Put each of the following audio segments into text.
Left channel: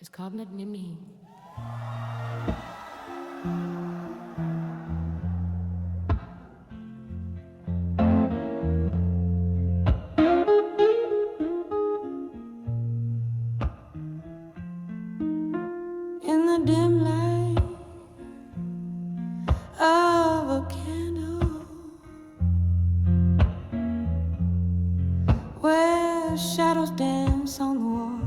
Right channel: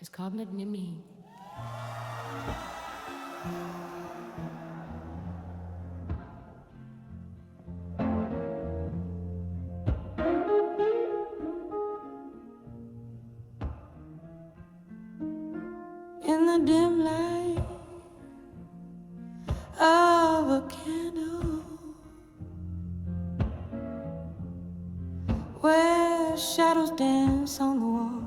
is called Nimi. In the dim light of a candle, where shadows dance on the wall,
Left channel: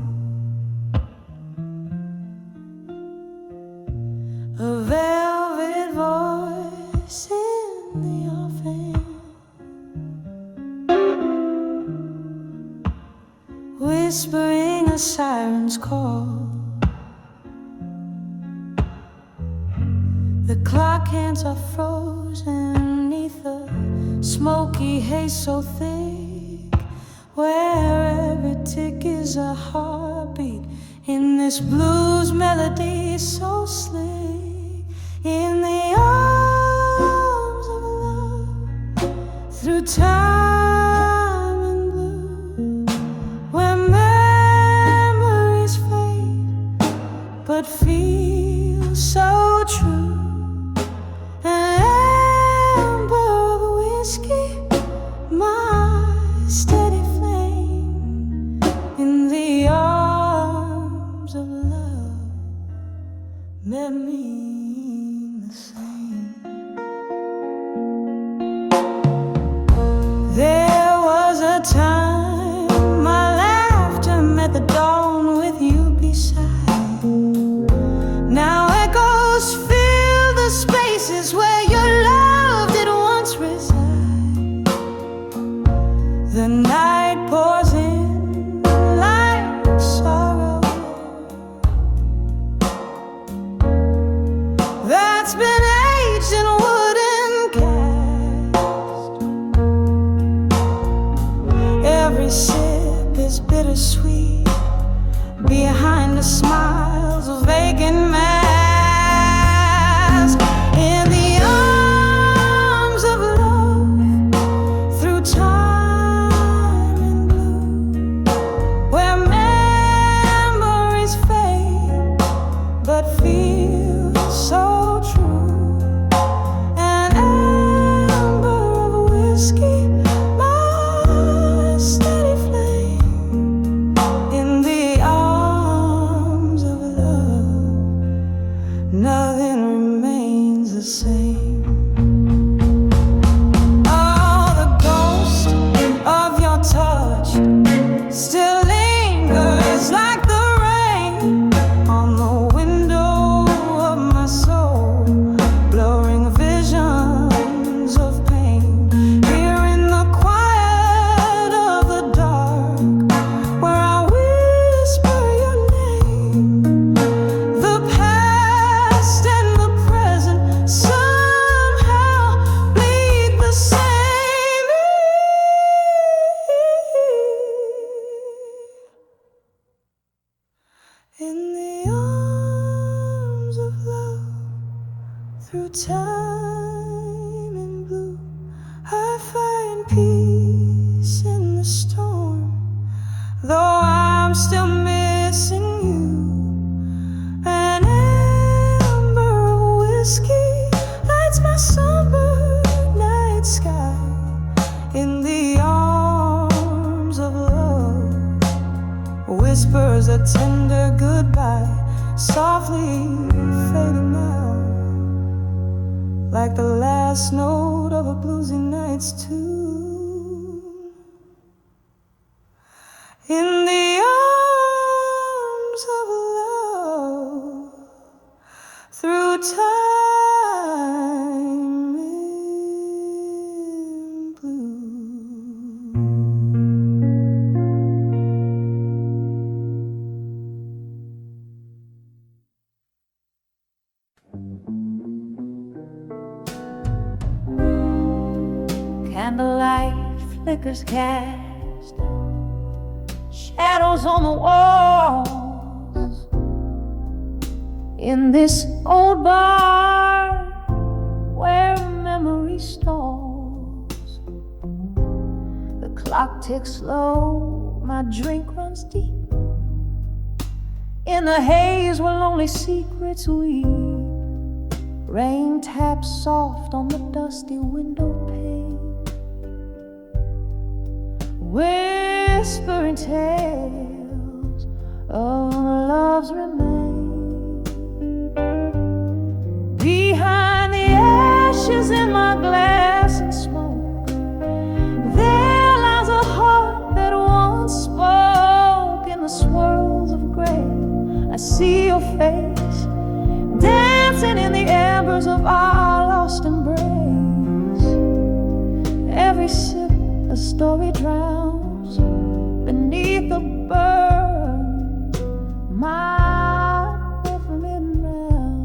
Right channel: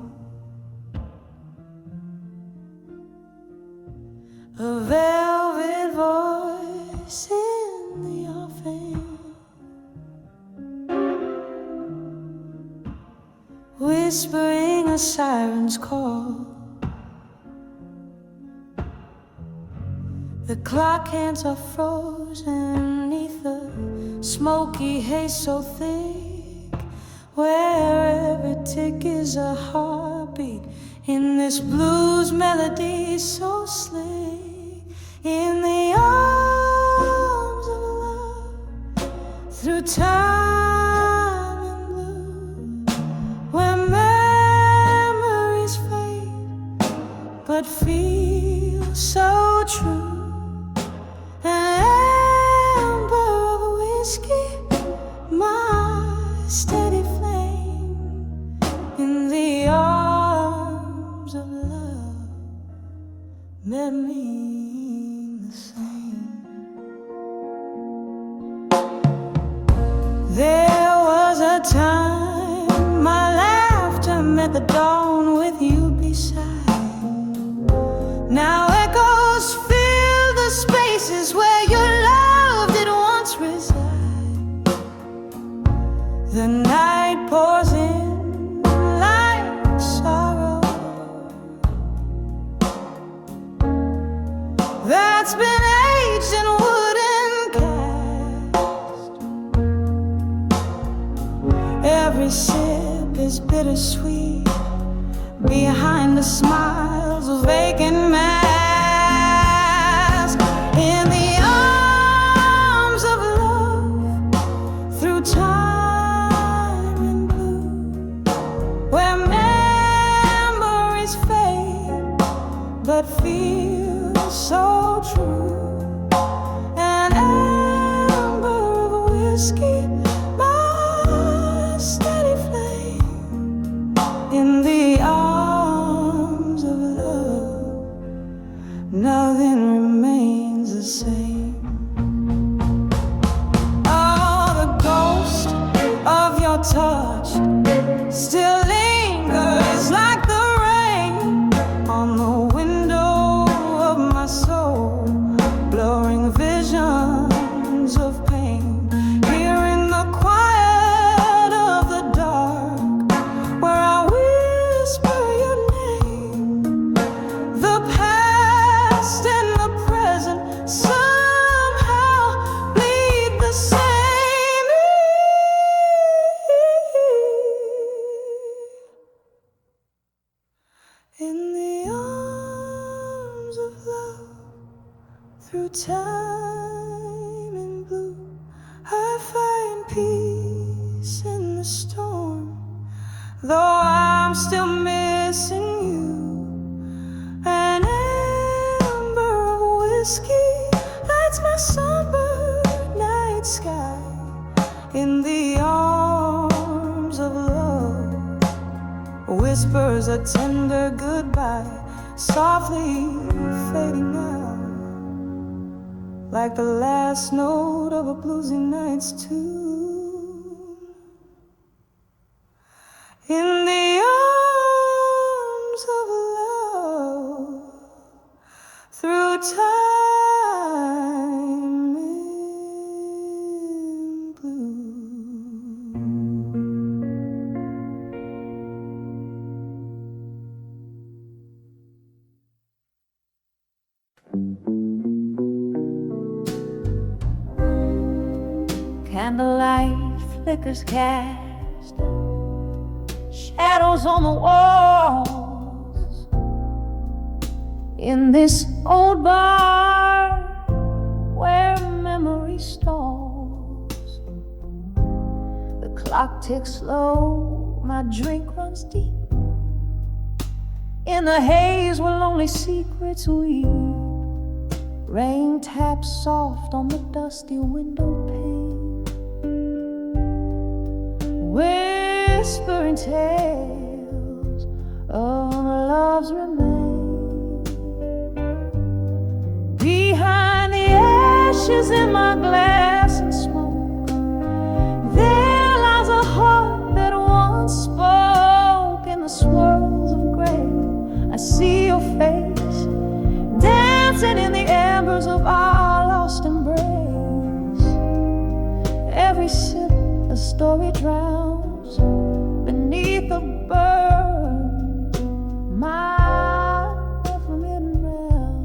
a velvet voice in the offing, whispering a siren's call. The clock hands are frozen neath the smoky haze so thick, where every tick is a heartbeat in this blues melody so slick. In the arms of love, through time and blue, where memories fade but feel so true. An amber of whiskey, my steady flame. In the arms of love, met me the same. There was a time my laughter met the dawn with you beside. Now echoes fill the spaces where your love did once reside. The night pours in like sorrow that's been aged in wooden cast. Every sip is bittersweet behind the smiles of vacant mask. In the arms of love, through time and blue, where memories fade but feel so true. An amber of whiskey, my steady flame. In the arms of love, nothing remains the same. Oh, the ghost of your touch still lingers like the rain on the window of my soul, blurring visions of pain. Here in the quiet of the dark, where I whisper your name, the past and the present somehow bleed the same. In the arms of love, through time and blue, I find peace in the storm, though I'm still missing you. An amber of whiskey lights my sunburned night sky. In the arms of love, whispers a tender goodbye, softly fading out, like the last note of a bluesy night's tune. In the arms of love, through time and blue. Candlelight flickers cast shadows on the walls in this old bar where memory stalls. Clock ticks slow, my drink runs deep. In the haze where lonely secrets weep, rain taps soft on the dusty window pane, whispering tales of love's remain. Behind the ashes in my glass and smoke, there lies a heart that once spoke. In the swirls of gray, I see your face, dancing in the embers of our lost embrace. Every sip a story drowns beneath the burn, my forbidden realm.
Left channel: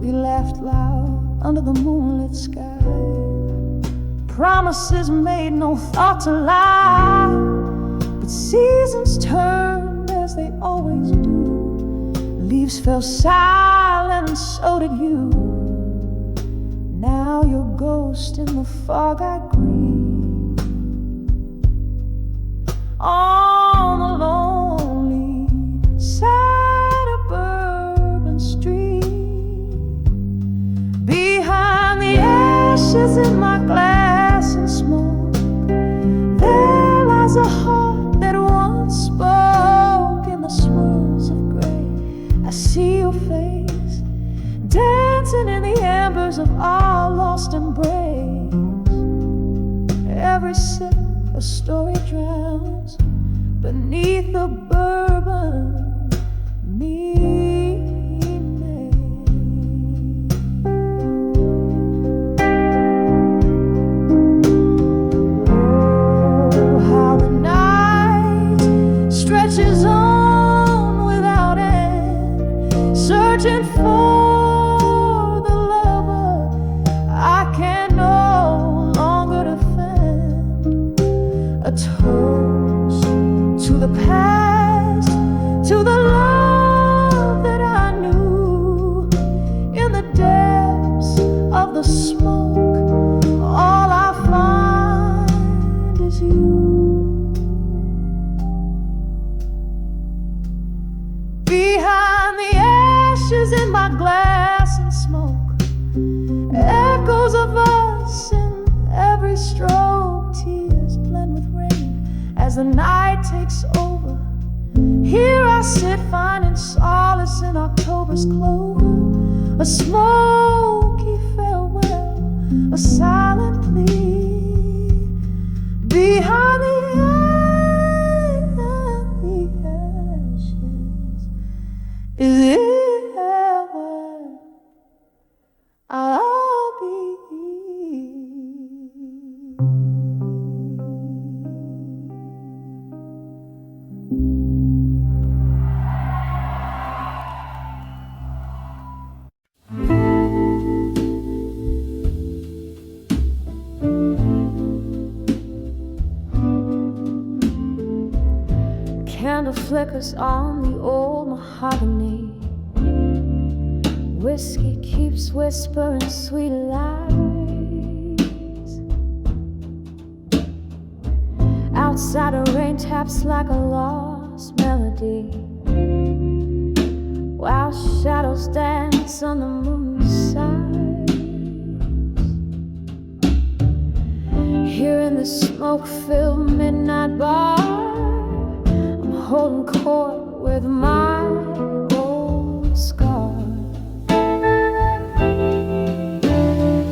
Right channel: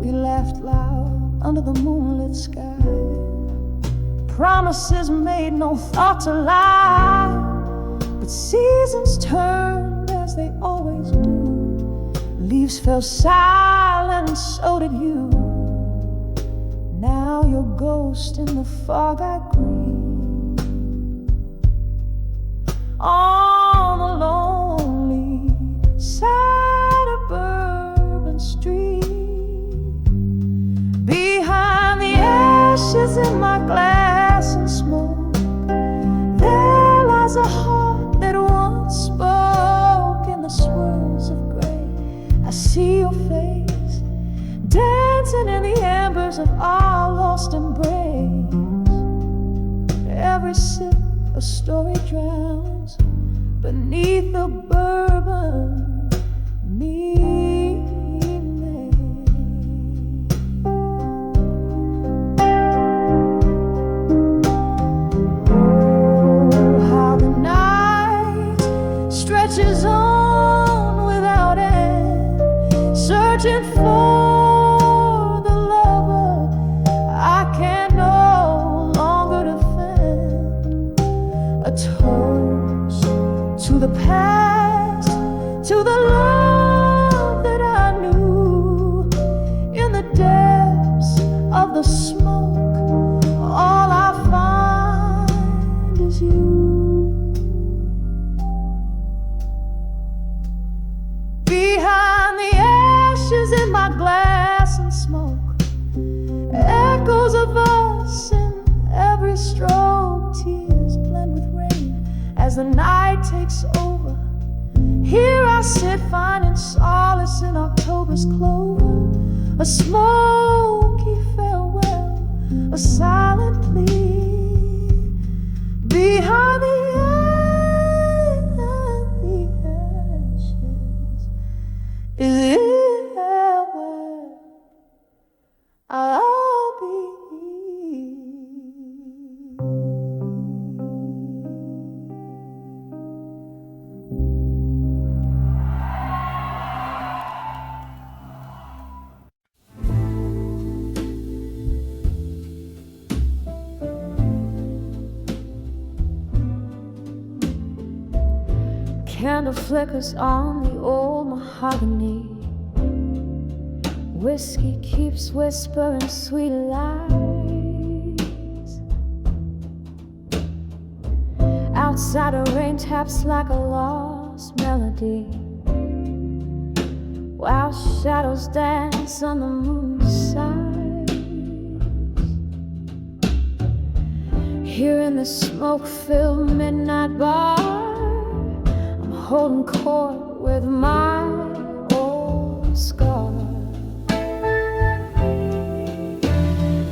We laughed loud under the moonlit sky, promises made, no thought to lie. But seasons turned as they always do, leaves fell silent and so did you. Now your ghost in the fog I grieve, on the lonely side of Bourbon Street. Behind the ashes in my glass and smoke, there lies a heart that once spoke. In the swirls of gray, I see your face, dancing in the embers of our lost embrace. Every sip a story drowns beneath the bourbon me made. Oh, how the night stretches on without end, searching for the lover I can no longer defend. A toast to the past, to the love that I knew. In the depths of the smoke, all I find is you. Behind the ashes in my glass and smoke, echoes of us in every stroke. Tears blend with rain as the night takes over. Here I sit finding solace in October's clover, a smoky farewell, a silent plea. Behind the ashes is it where I'll be. Candle flickers on the old mahogany, whiskey keeps whispering sweet lies. Outside a rain taps like a lost melody, while shadows dance on the moon's side. Here in the smoke-filled midnight bar, I'm holding court with my old scar.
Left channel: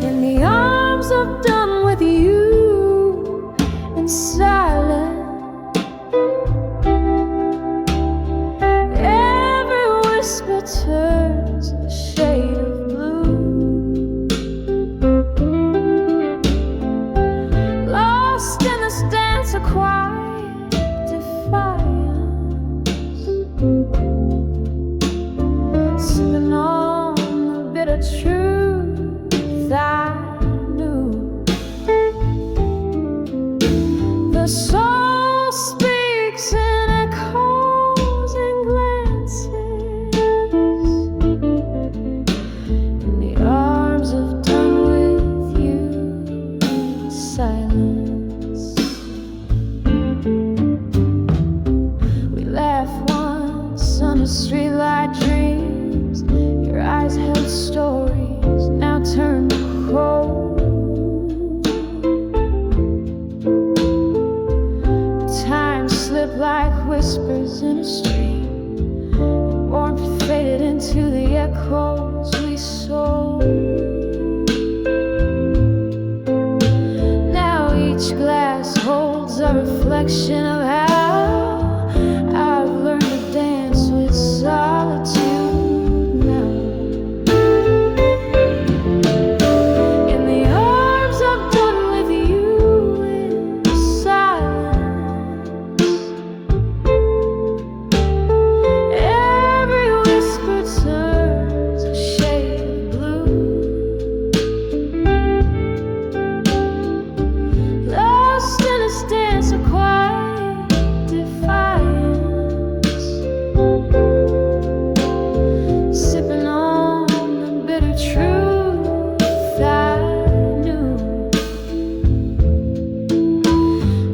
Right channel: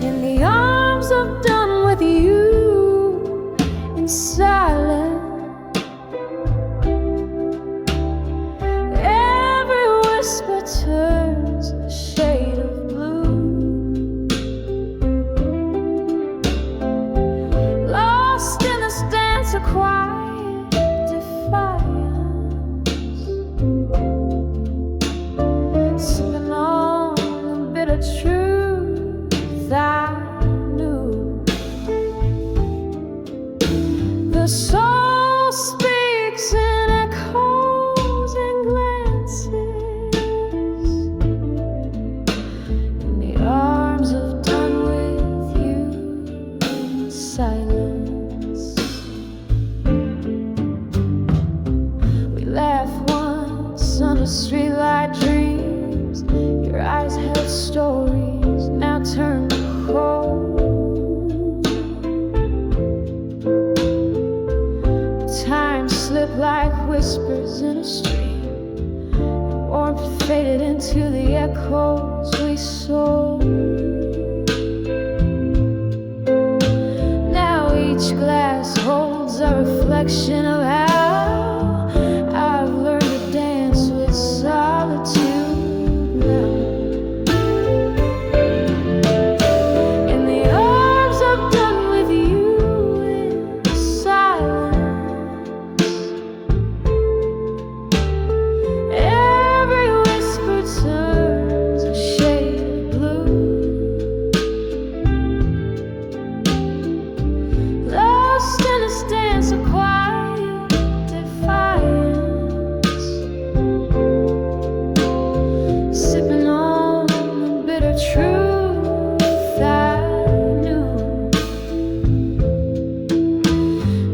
In the arms of done with you, in silence, every whisper turns a shade of blue. Lost in this dance of quiet defiance, sipping on the bitter truth I knew. The soul speaks in echoes and glances, in the arms of done with you in silence. streetlight dreams. Your eyes held stories, now turned cold. Time slipped like whispers in a stream, and warmth faded into the echoes we sold. Now each glass holds a reflection of how I've learned to dance with solitude now. In the arms I've done with you in silence, every whisper turns a shade of blue. Lost in this dance of quiet defiance, sipping on the bitter truth I knew.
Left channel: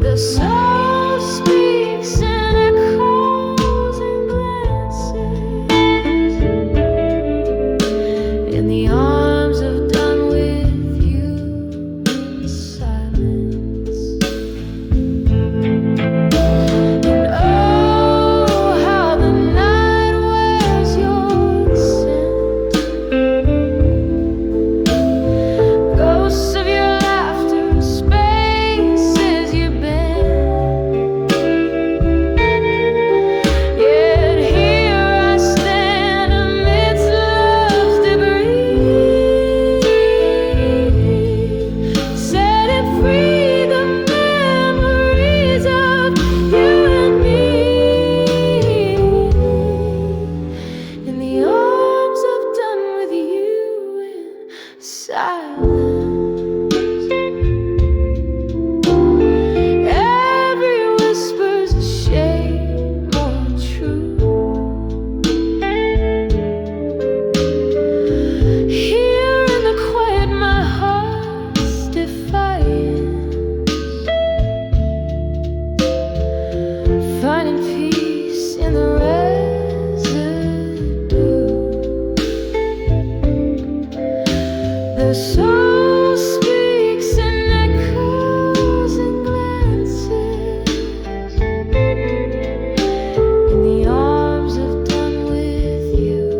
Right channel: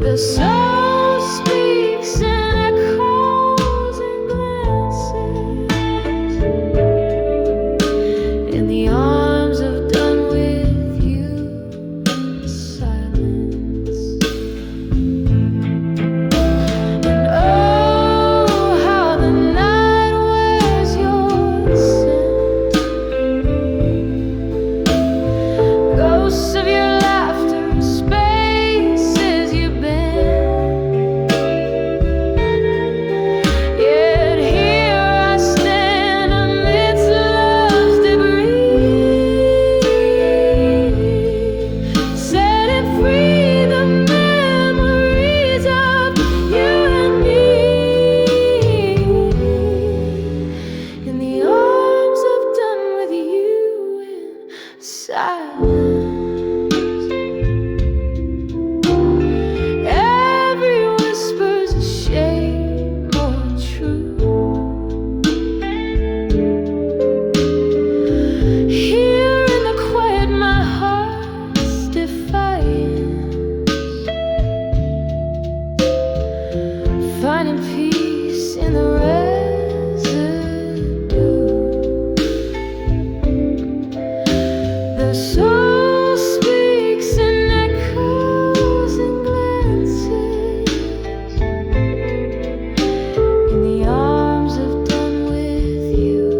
The soul speaks in echoes and glances, in the arms of done with you in silence. And oh, how the night wears your scent, ghosts of your laughter, spaces you've been. Yet here I stand amidst love's debris, setting free the memories of you and me. In the arms of done with you in silence, every whisper's a shade more true. Here in the quiet, my heart's defiance, finding peace in the residue. The soul speaks in echoes and glances, in the arms of done with you.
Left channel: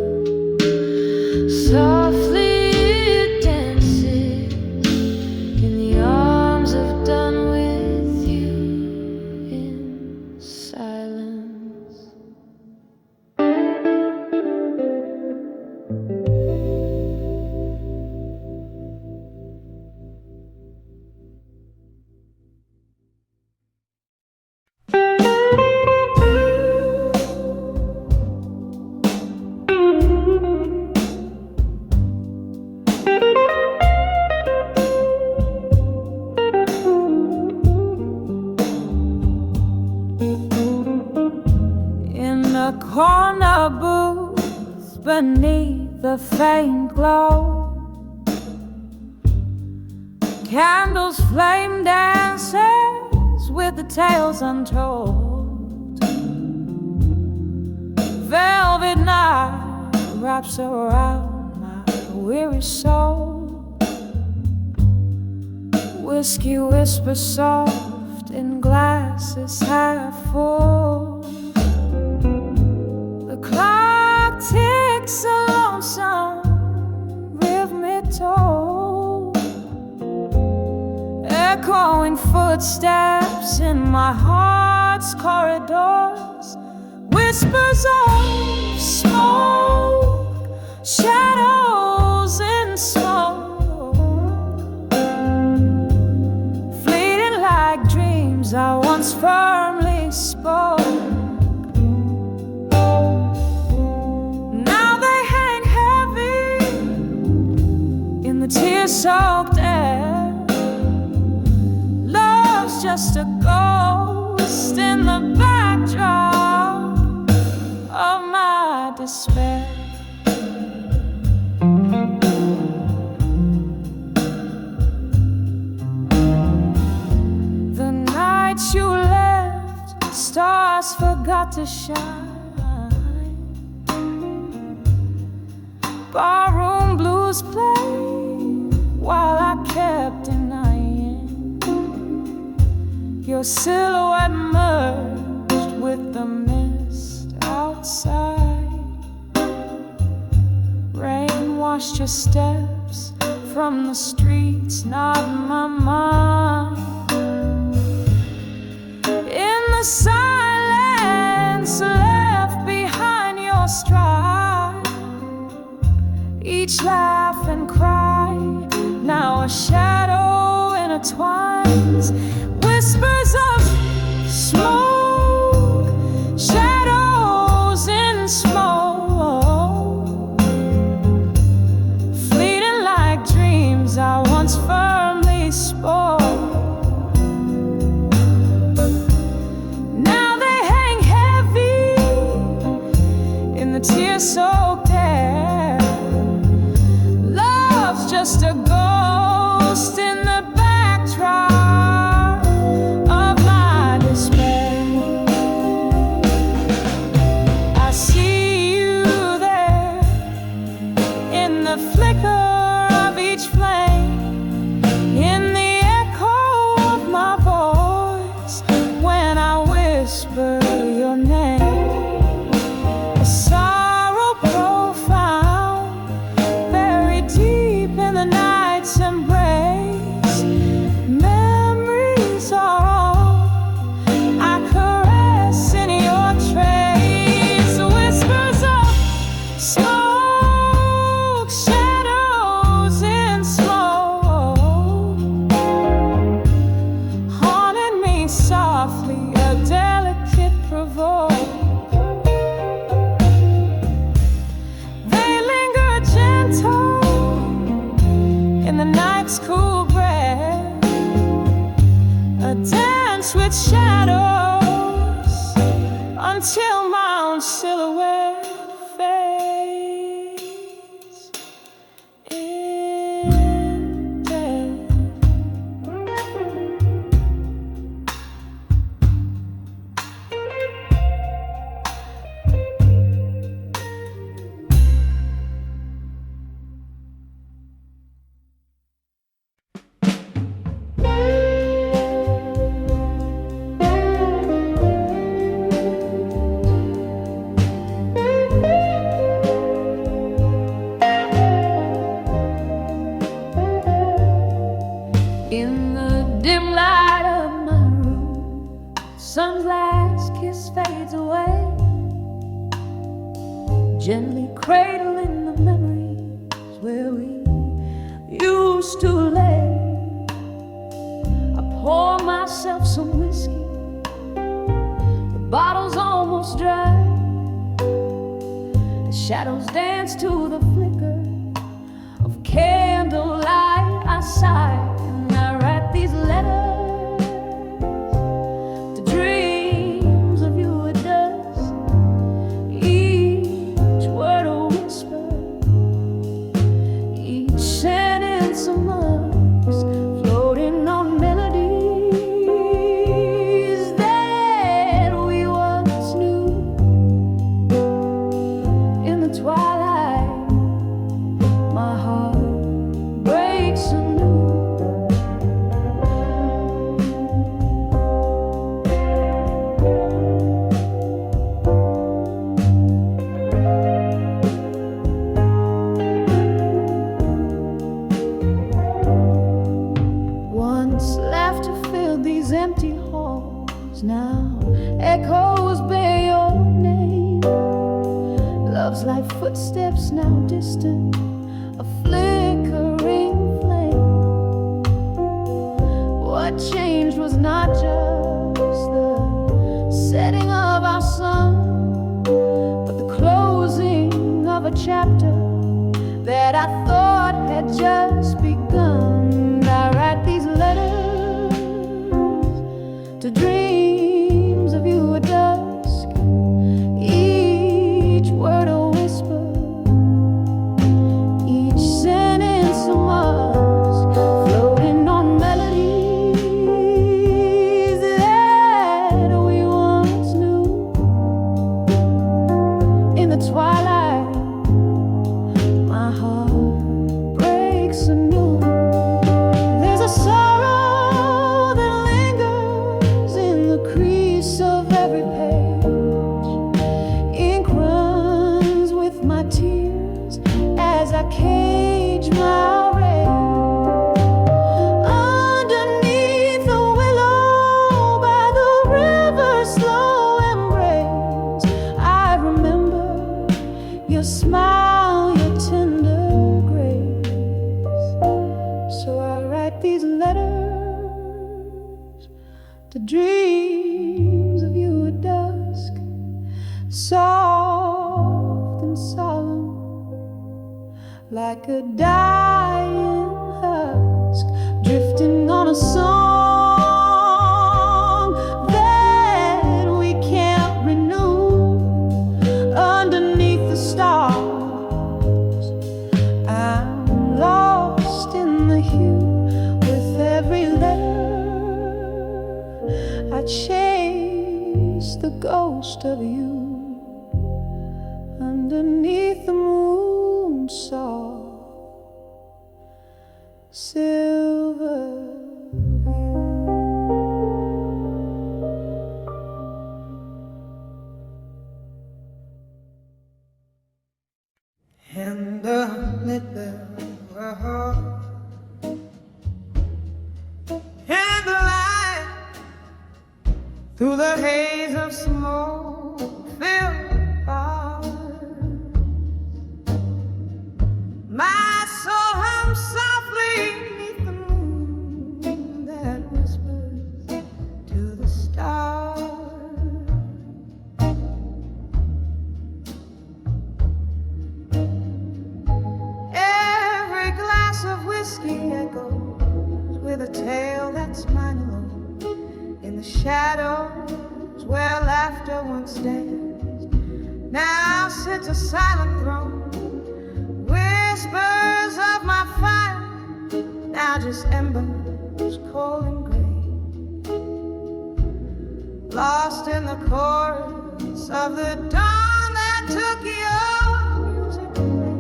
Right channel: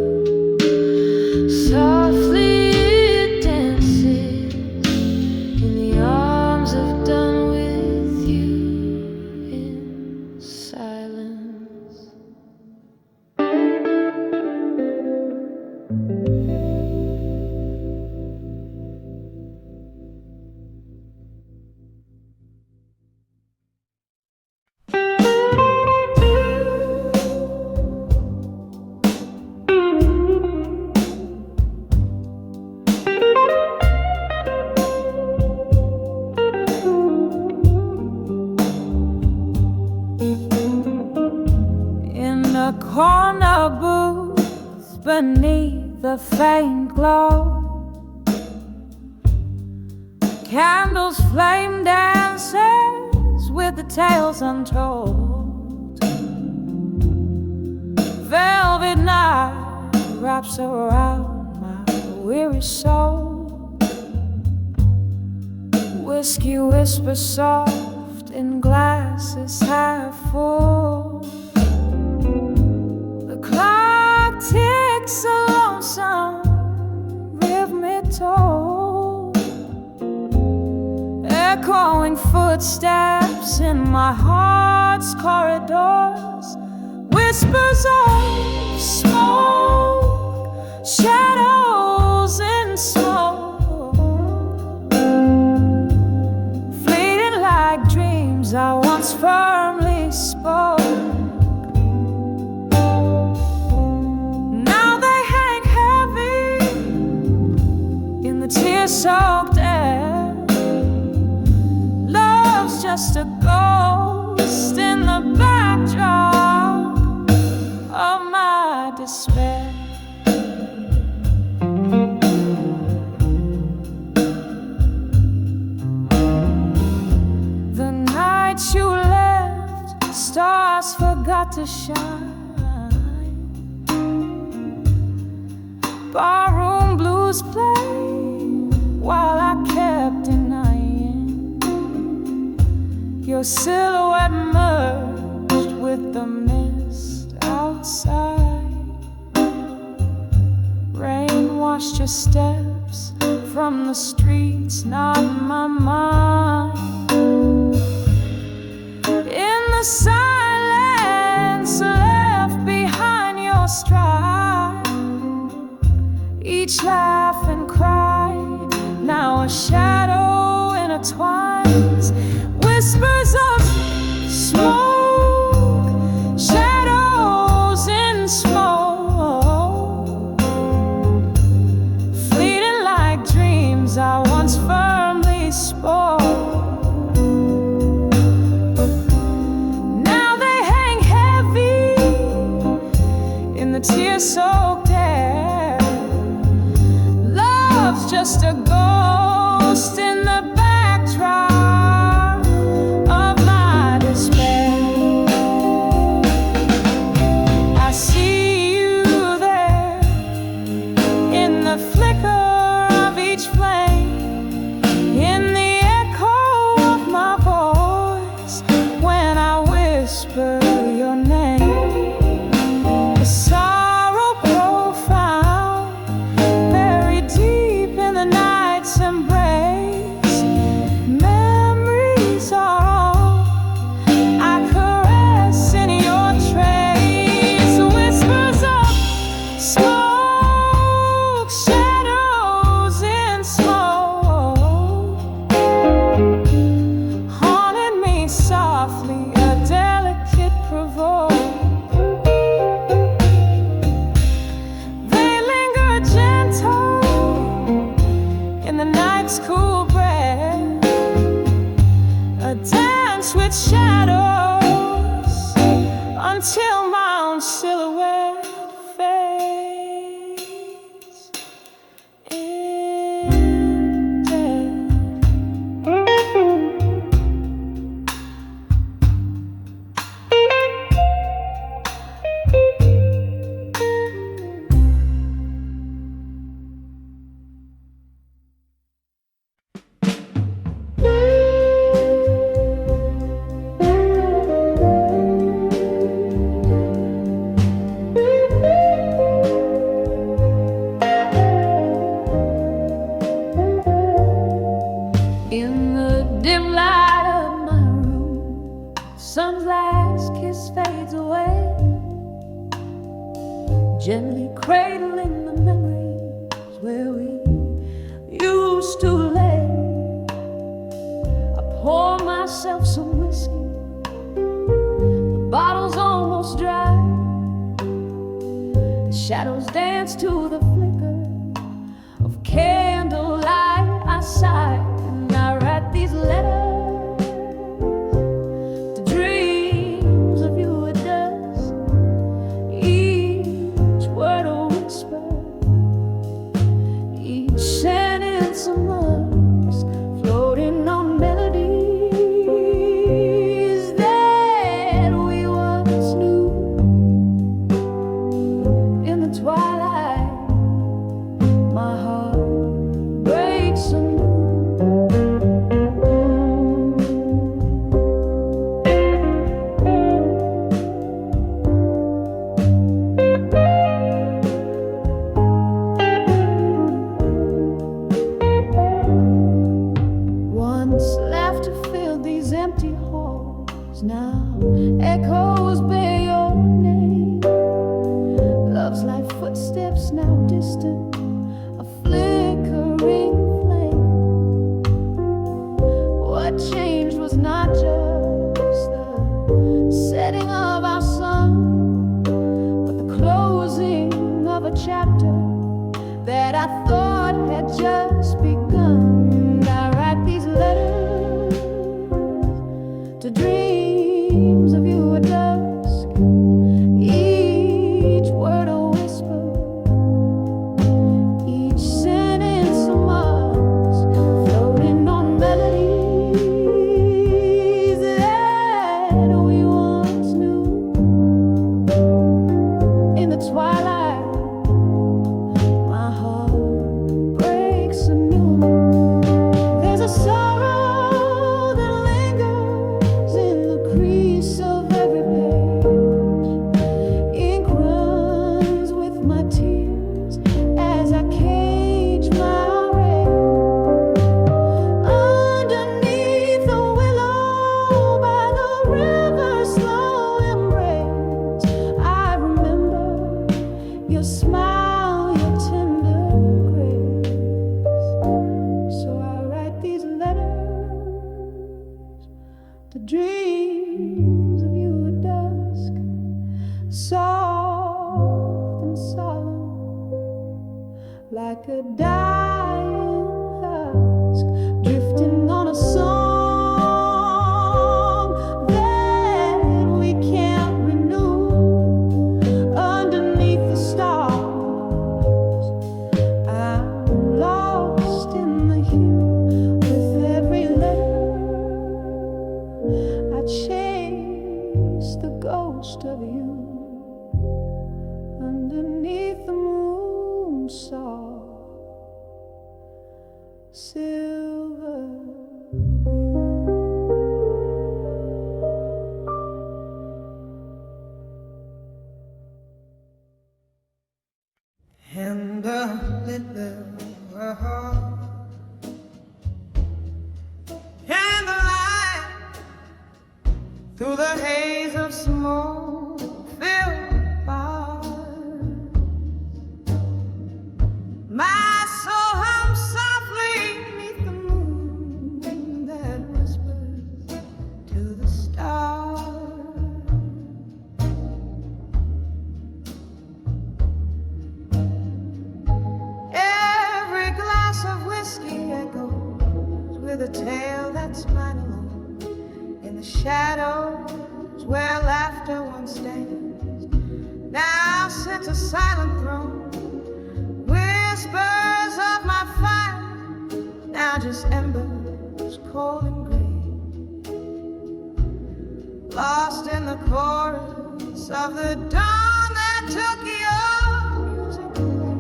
Softly it dances, in the arms of done with you in silence. In a corner booth beneath the faint glow, candles flame dances with the tales untold. Velvet night wraps around my weary soul. Whiskey whispers soft in glasses half full. The clock ticks a lonesome rhythmic toll, echoing footsteps in my heart's corridors. Whispers of smoke, shadows in smoke, fleeting like dreams I once firmly spoke. Now they hang heavy in the tear-soaked air. Love's just a ghost in the backdrop of my despair. The night you left, stars forgot to shine. barroom blues play while I kept denying your silhouette merged with the mist outside. Rain washed your steps from the streets, not my mind. In the silence left behind your stride, each laugh and cry, now a shadow intertwines. Whispers of smoke, shadows in smoke, fleeting like dreams I once firmly spoke. Now they hang heavy in the tear-soaked air. Love's just a ghost in the backdrop of my despair. I see you there in the flicker of each flame, in the echo of my voice when I whisper your name. A sorrow profound, buried deep in the night's embrace. Memories are all I caress in your trace. Whispers of smoke, shadows in smoke, haunted me softly, a delicate provoke. They linger gentle in the night's cool breath, a dance with shadows until my own silhouette fades in death. In the dim light of my room, sun's last kiss fades away, gently cradling the memories where we used to lay. I pour myself some whiskey, the bottle's almost dry. The shadows dance to the flicker of candlelight. I sigh and I write these letters to dreams of you at dusk, each word a whisper, each sentence a musk, floating on melodies that we once knew. In the twilight, my heart breaks anew. Once laughter filled these empty halls, now echoes bear your name. Love's like footsteps now distant, a flickering flame. What changed was not just the setting of our sun, but the closing of a chapter that I thought had just begun. I write these letters to dreams of you at dusk, each word a whisper, each sentence a musk, floating on melodies that we once knew. In the twilight, my dreams of you at dusk, soft and solemn, like a dying husk, drifting on a song that we can't renew underneath the stars. I'm lost in the hue with every letter. I chase the ghost of you underneath the moon saw silver hue. And the little heart and the light through the haze of smoke filled bars. My soul hums softly beneath the moon that whispers to the stars. Every glass of whiskey echoes with a tale that's mine alone. In the shadows where laughter once danced, now sits a silent throne. Whispers of my fire, now just embers cold and gray, lost in the chorus of the dawn that took your music away.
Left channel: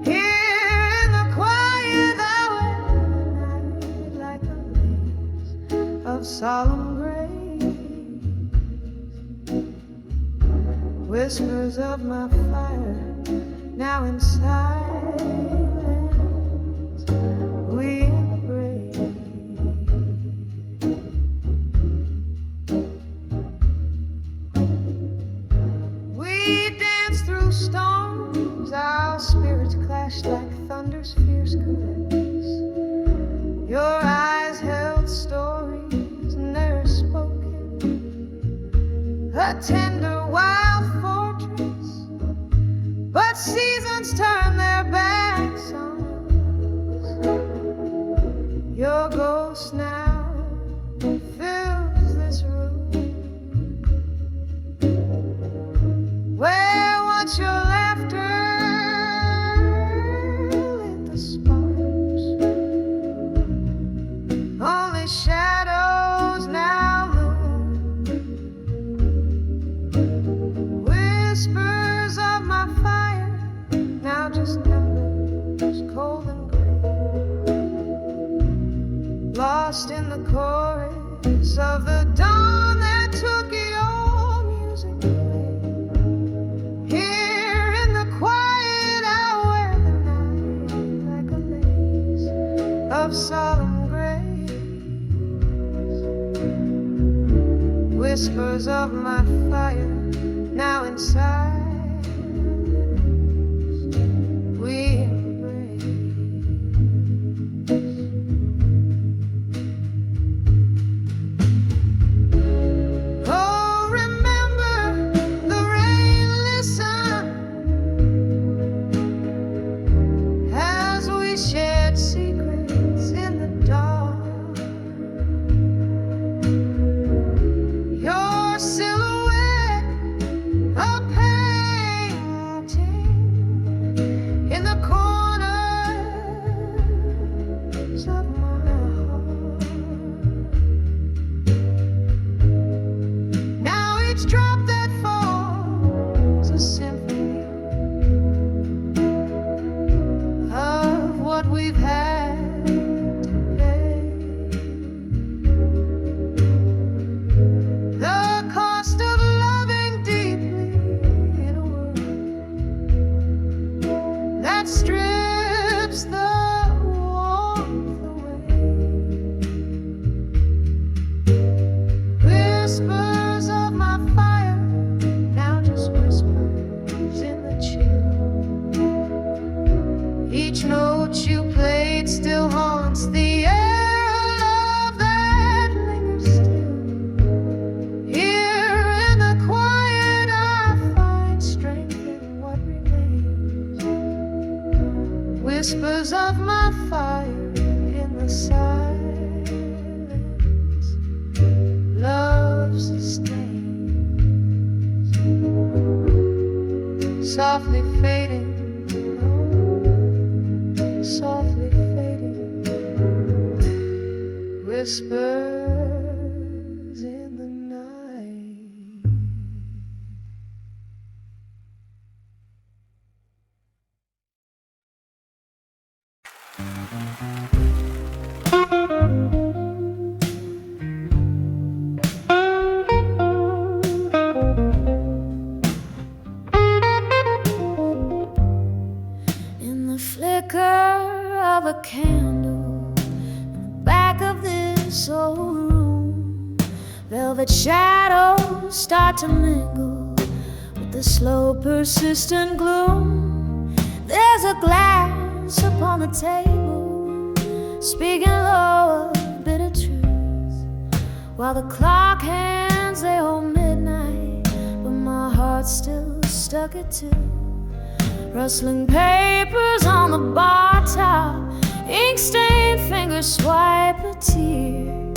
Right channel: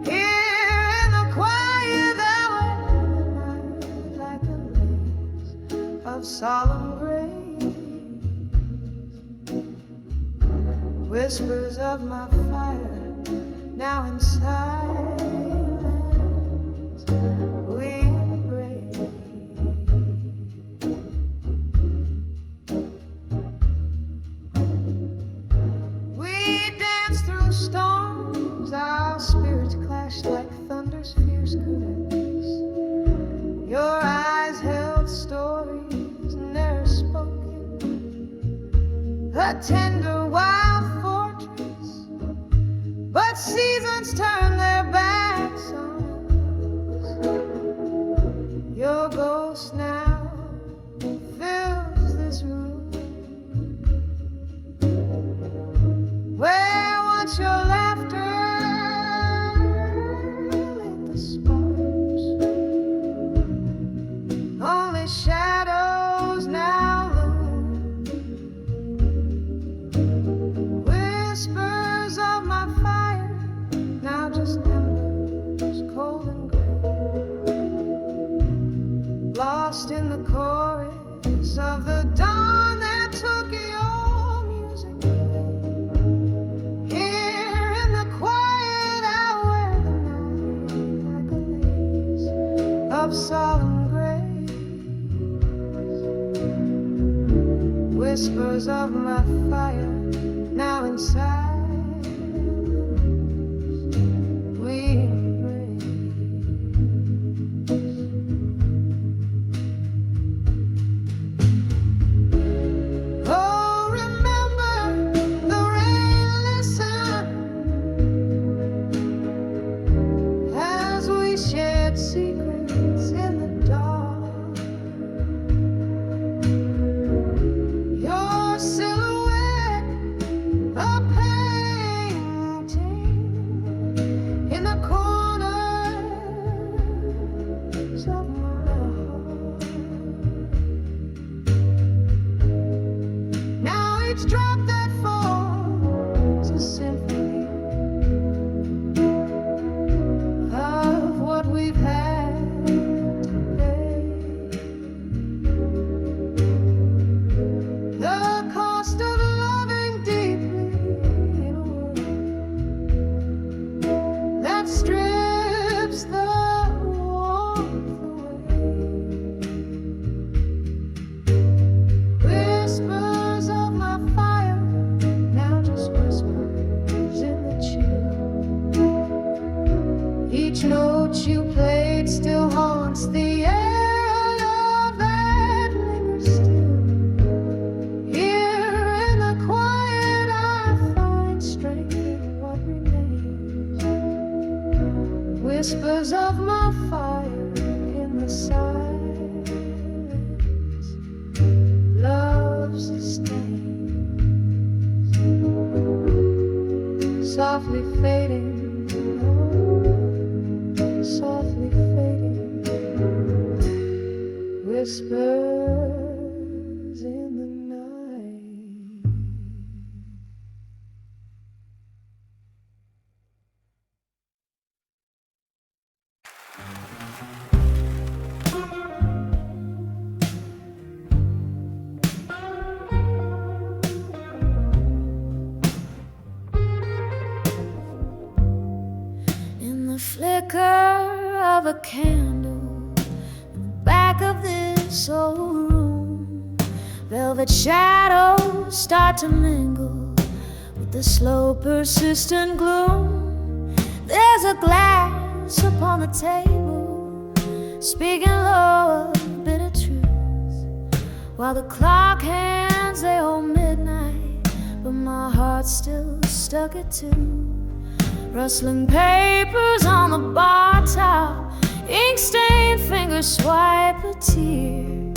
Here in the quiet hour of the night, like a lace of solemn grace, whispers of my fire, now in silence we embrace. We dance through storms, our spirits clashed like thunder's fierce caress. Your eyes held stories ne'er spoken, a tender wild fortress, but seasons turn their backs on us. Your ghost now fills this room, where once your laughter lit the sparks. Only shadows now loom, whispers of my fire, now just embers cold and gray, lost in the chorus of the dawn that took your music away. Here in the quiet hour of the night, like a lace of solemn grace, whispers of my fire, now in silence we embrace. Oh, remember the rain, listen, as we shared secrets in the dark. Your silhouette, a painting in the corners of my heart. Now each drop that falls a symphony of what we've had to pay. The cost of loving deeply in a world that strips the warmth away. Whispers of my fire, now just whispers in the chill. Each note you played still haunts the air, a love that lingers whispers of my fire in the silence. Love sustains, softly fading, oh, softly fading, whispers in the night. In the flicker of a candle in the back of this old room, velvet shadows start to mingle with the slow, persistent gloom. There's a glass upon the table, speaking low of bitter truth, while the clock hands they hold midnight, but my heart's still stuck at 2. Rustling papers on the bar top, ink-stained fingers swipe a tear.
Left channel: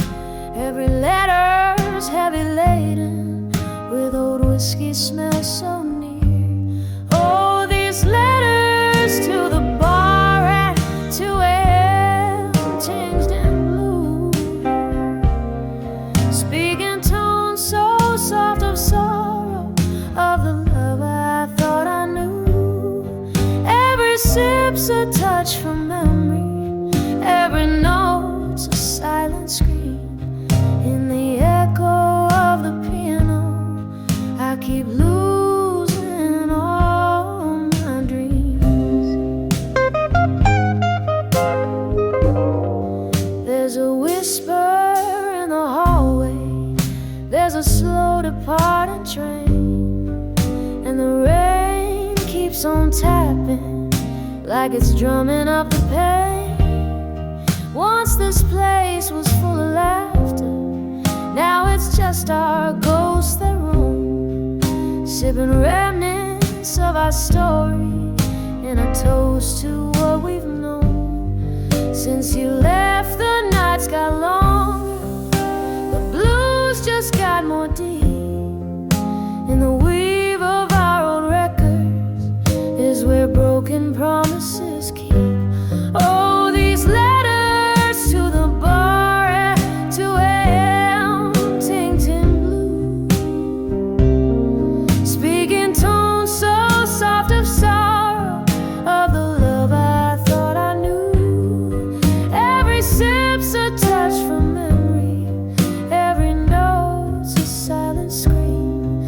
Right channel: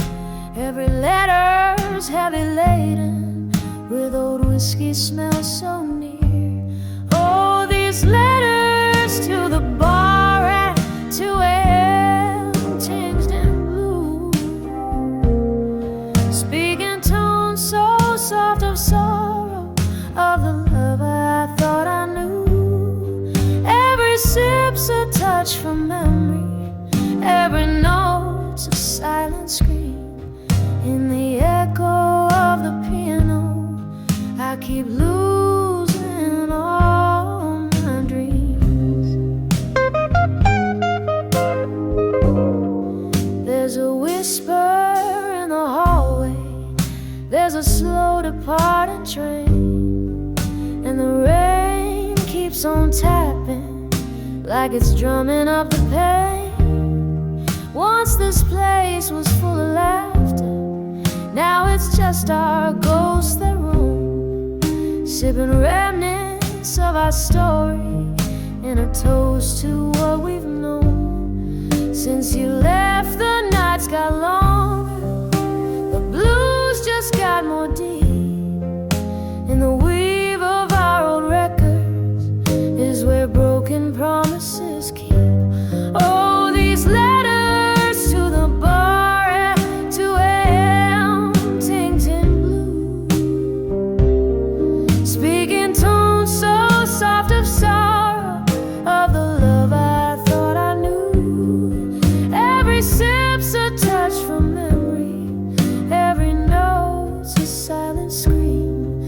Every letter's heavy laden with old whiskey smell so near. Oh, these letters to the bar at 2 a.m. tinged in blue, speaking tones so soft of sorrow, of the love I thought I knew. Every sip's a touch from memory, every note's a silent scream. In the echo of the piano, I keep losing all my dreams. There's a whisper in the hallway, there's a slow departing train, and the rain keeps on tapping like it's drumming up the pain. Once this place was full of laughter, now it's just our ghosts that roam, sipping remnants of our story in a toast to what we've known. Since you left, the nights got longer, the blues just got more deep. In the weave of our old records is where broken promises keep. Oh, these letters to the bar at 2 a.m. tinged in blue, speaking tones so soft of sorrow, of the love I thought I knew. Every sip's a touch from memory, every note's a silent scream.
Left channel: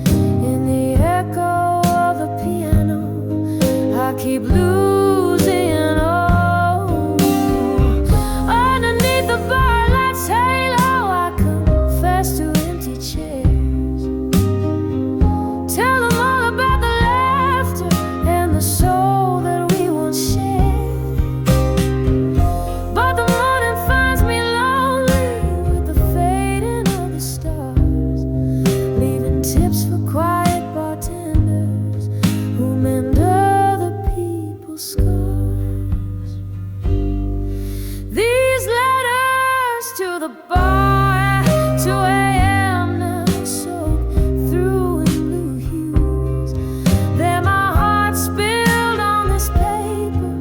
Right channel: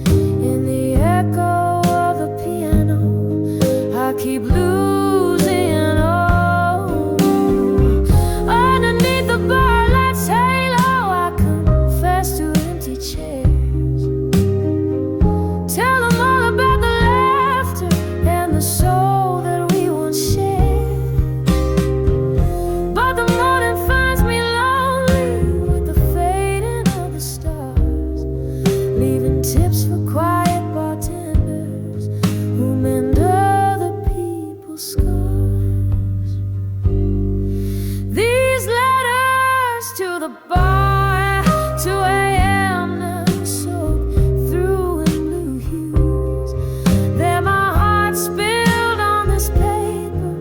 In the echo of the piano, I keep losing all. Underneath the bar light's halo, I confess to empty chairs. Tell them all about the laughter and the soul that we once shared. But the morning finds me lonely with the fading of the stars, leaving tips for quiet bartenders who mend other people's scars. These letters to the bar at 2 a.m. now soak through in blue hues. They're my heart spilled on this paper,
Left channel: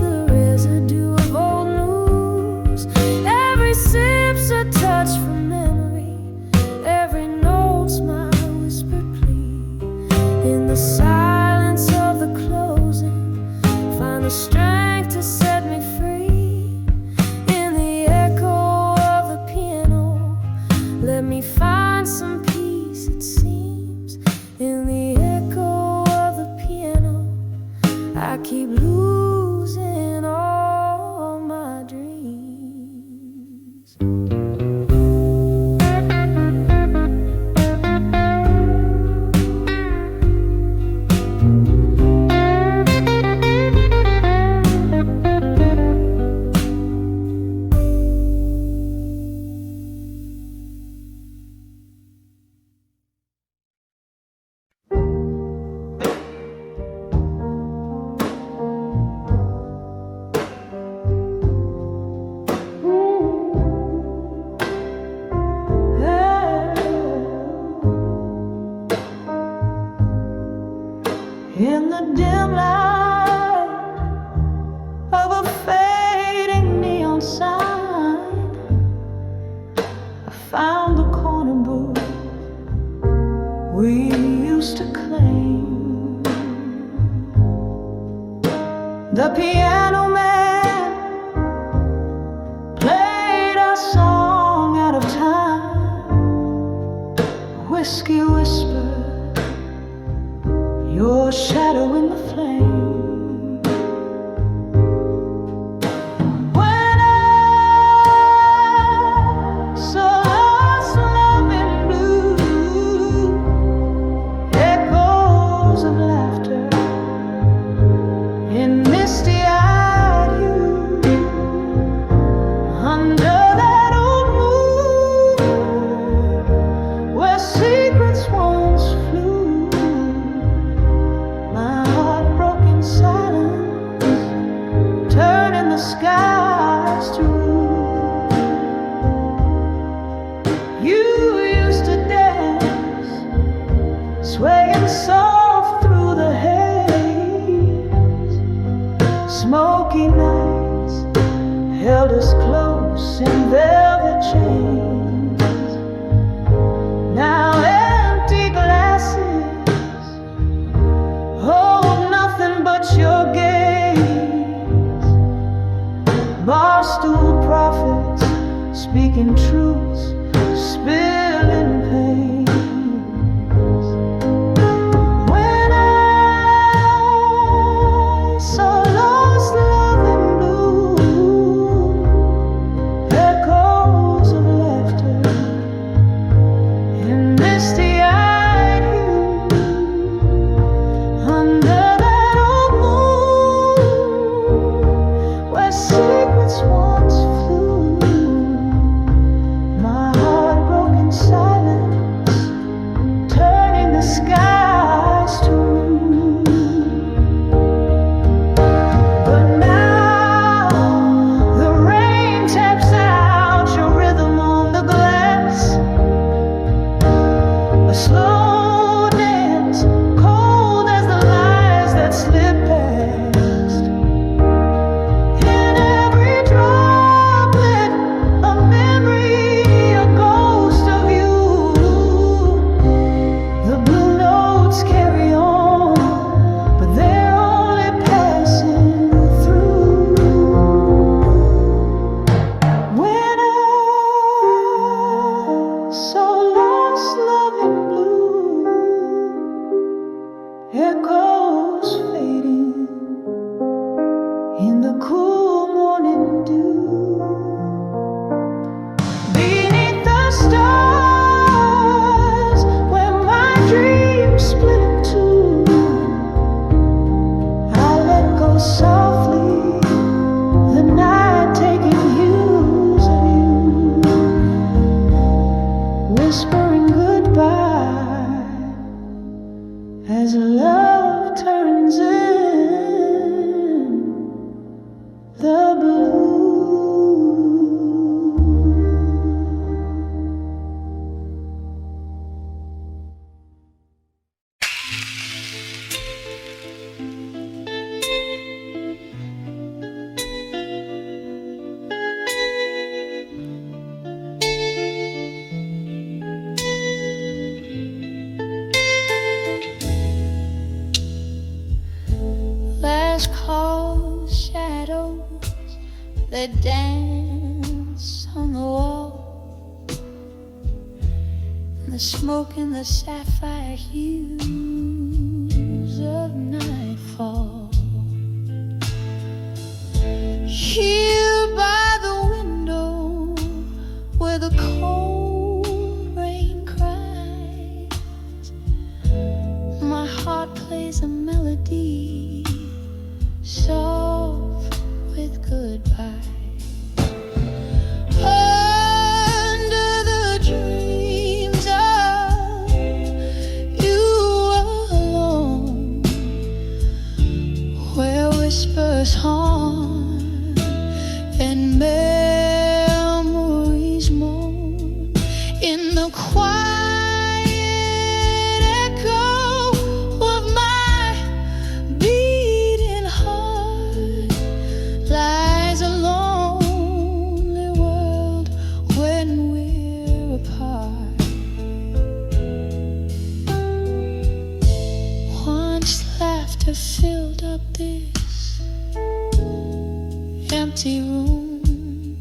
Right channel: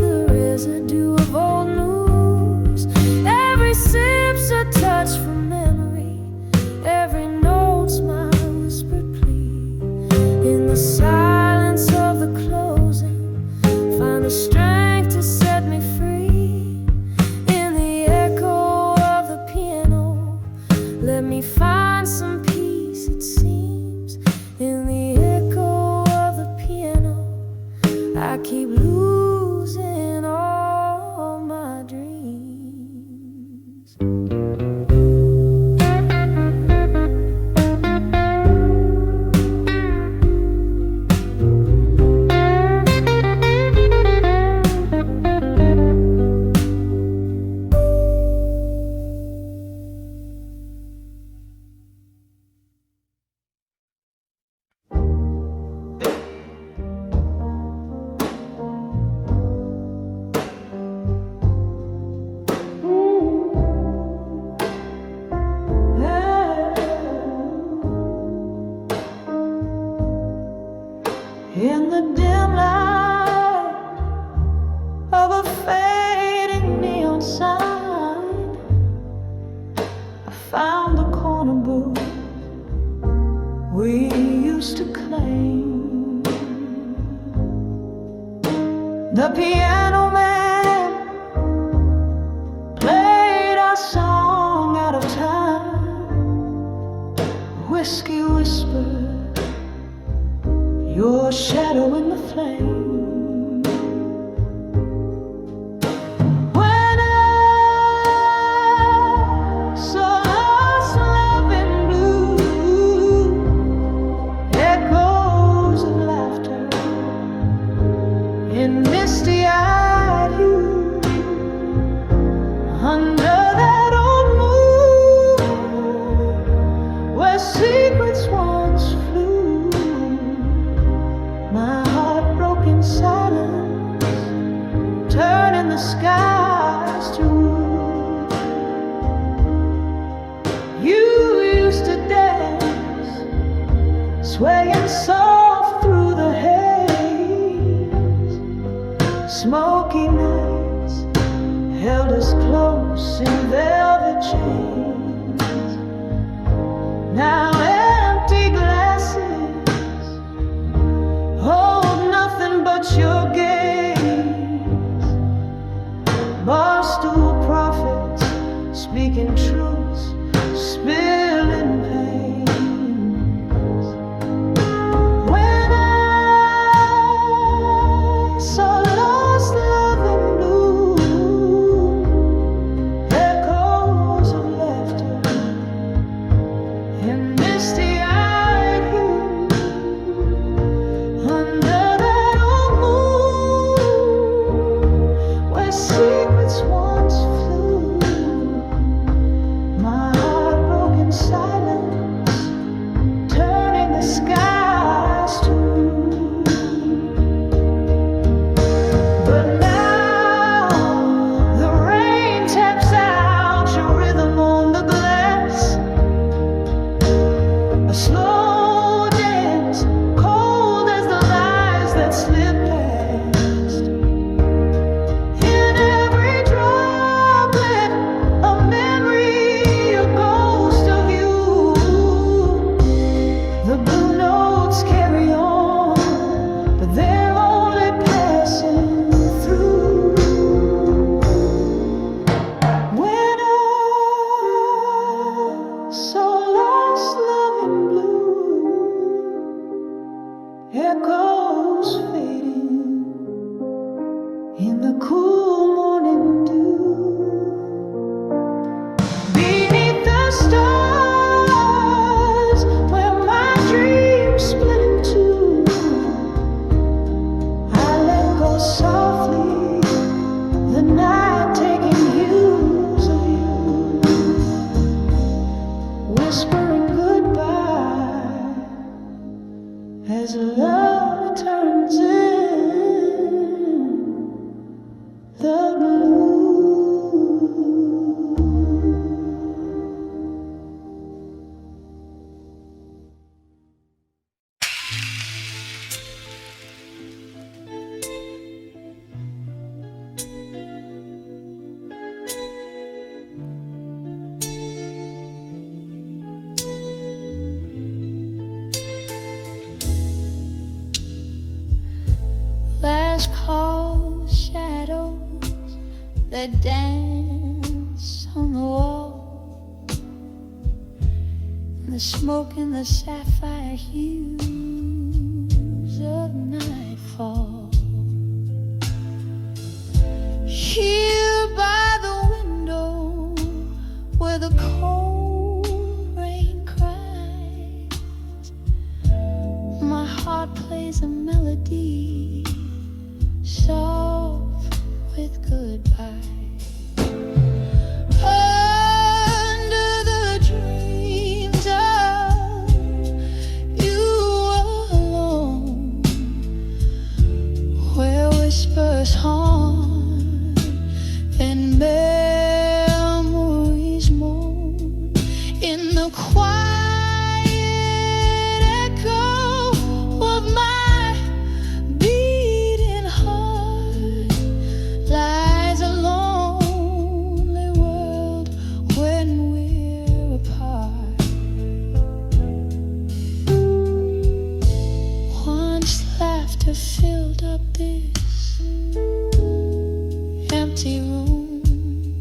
the residue of old news. Every sip's a touch from memory, every note's my whispered plea. In the silence of the closing, find the strength to set me free. In the echo of the piano, let me find some peace, it seems. In the echo of the piano, I keep losing all my dreams. in the dim light of a fading neon sign, I found the corner booth we used to claim. The piano man played our song out of time. Whiskey whispered, your shadow in the flame. When I saw lost love in blue, echoes of laughter in misty-eyed hue, under that old moon where secrets once flew, my heart broke in silence, turning the skies to rue. You used to dance, swaying soft through the haze. Smoky nights held us close in velvet chains. Now empty glasses hold nothing but your gaze. Barstool prophets speaking truths, spilling pains. When I saw lost love in blue, echoes of laughter in misty-eyed hue, under that old moon where secrets once flew, my heart broke in silence, turning the skies to rue. But now the rain taps out your rhythm on the glass, a slow dance, cold as the lies that slip past. In every droplet, a memory, a ghost of you. The blue notes carry on, but they're only passing through. When I saw lost love in blue, echoes fading in the cool morning dew, beneath the stars where my dreams split in two, I let go softly, the night taking use of you, whispering goodbye as love turns in the blue. Last call shadows that dance on the wall, and the smoke and the sapphire hues of nightfall. Here by the window where the cold rain cries, my heart plays a melody soft with goodbye. Under the dreams of you alone, where whispers haunt and memories moan in the quiet echo of my laughter filled up this empty room.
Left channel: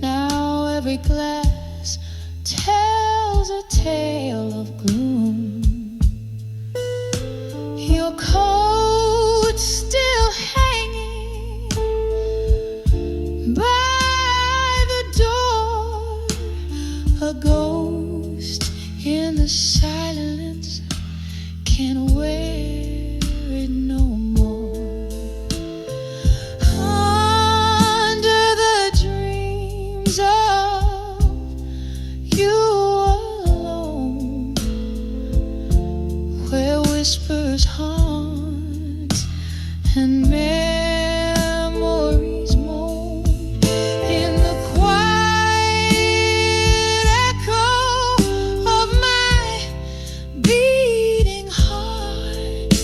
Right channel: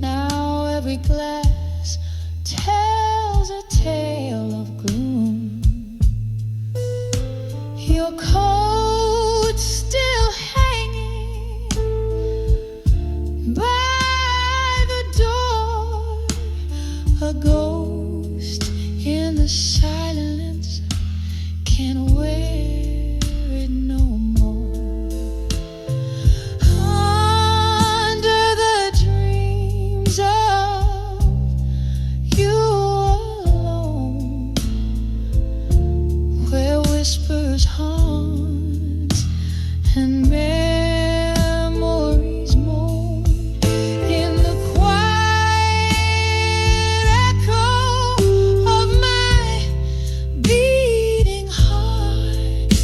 Now every glass tells a tale of gloom. Your coat still hanging by the door, a ghost in the silence can't wear it no more. Under the dreams of you alone, where whispers haunt and memories moan, in the quiet echo of my beating heart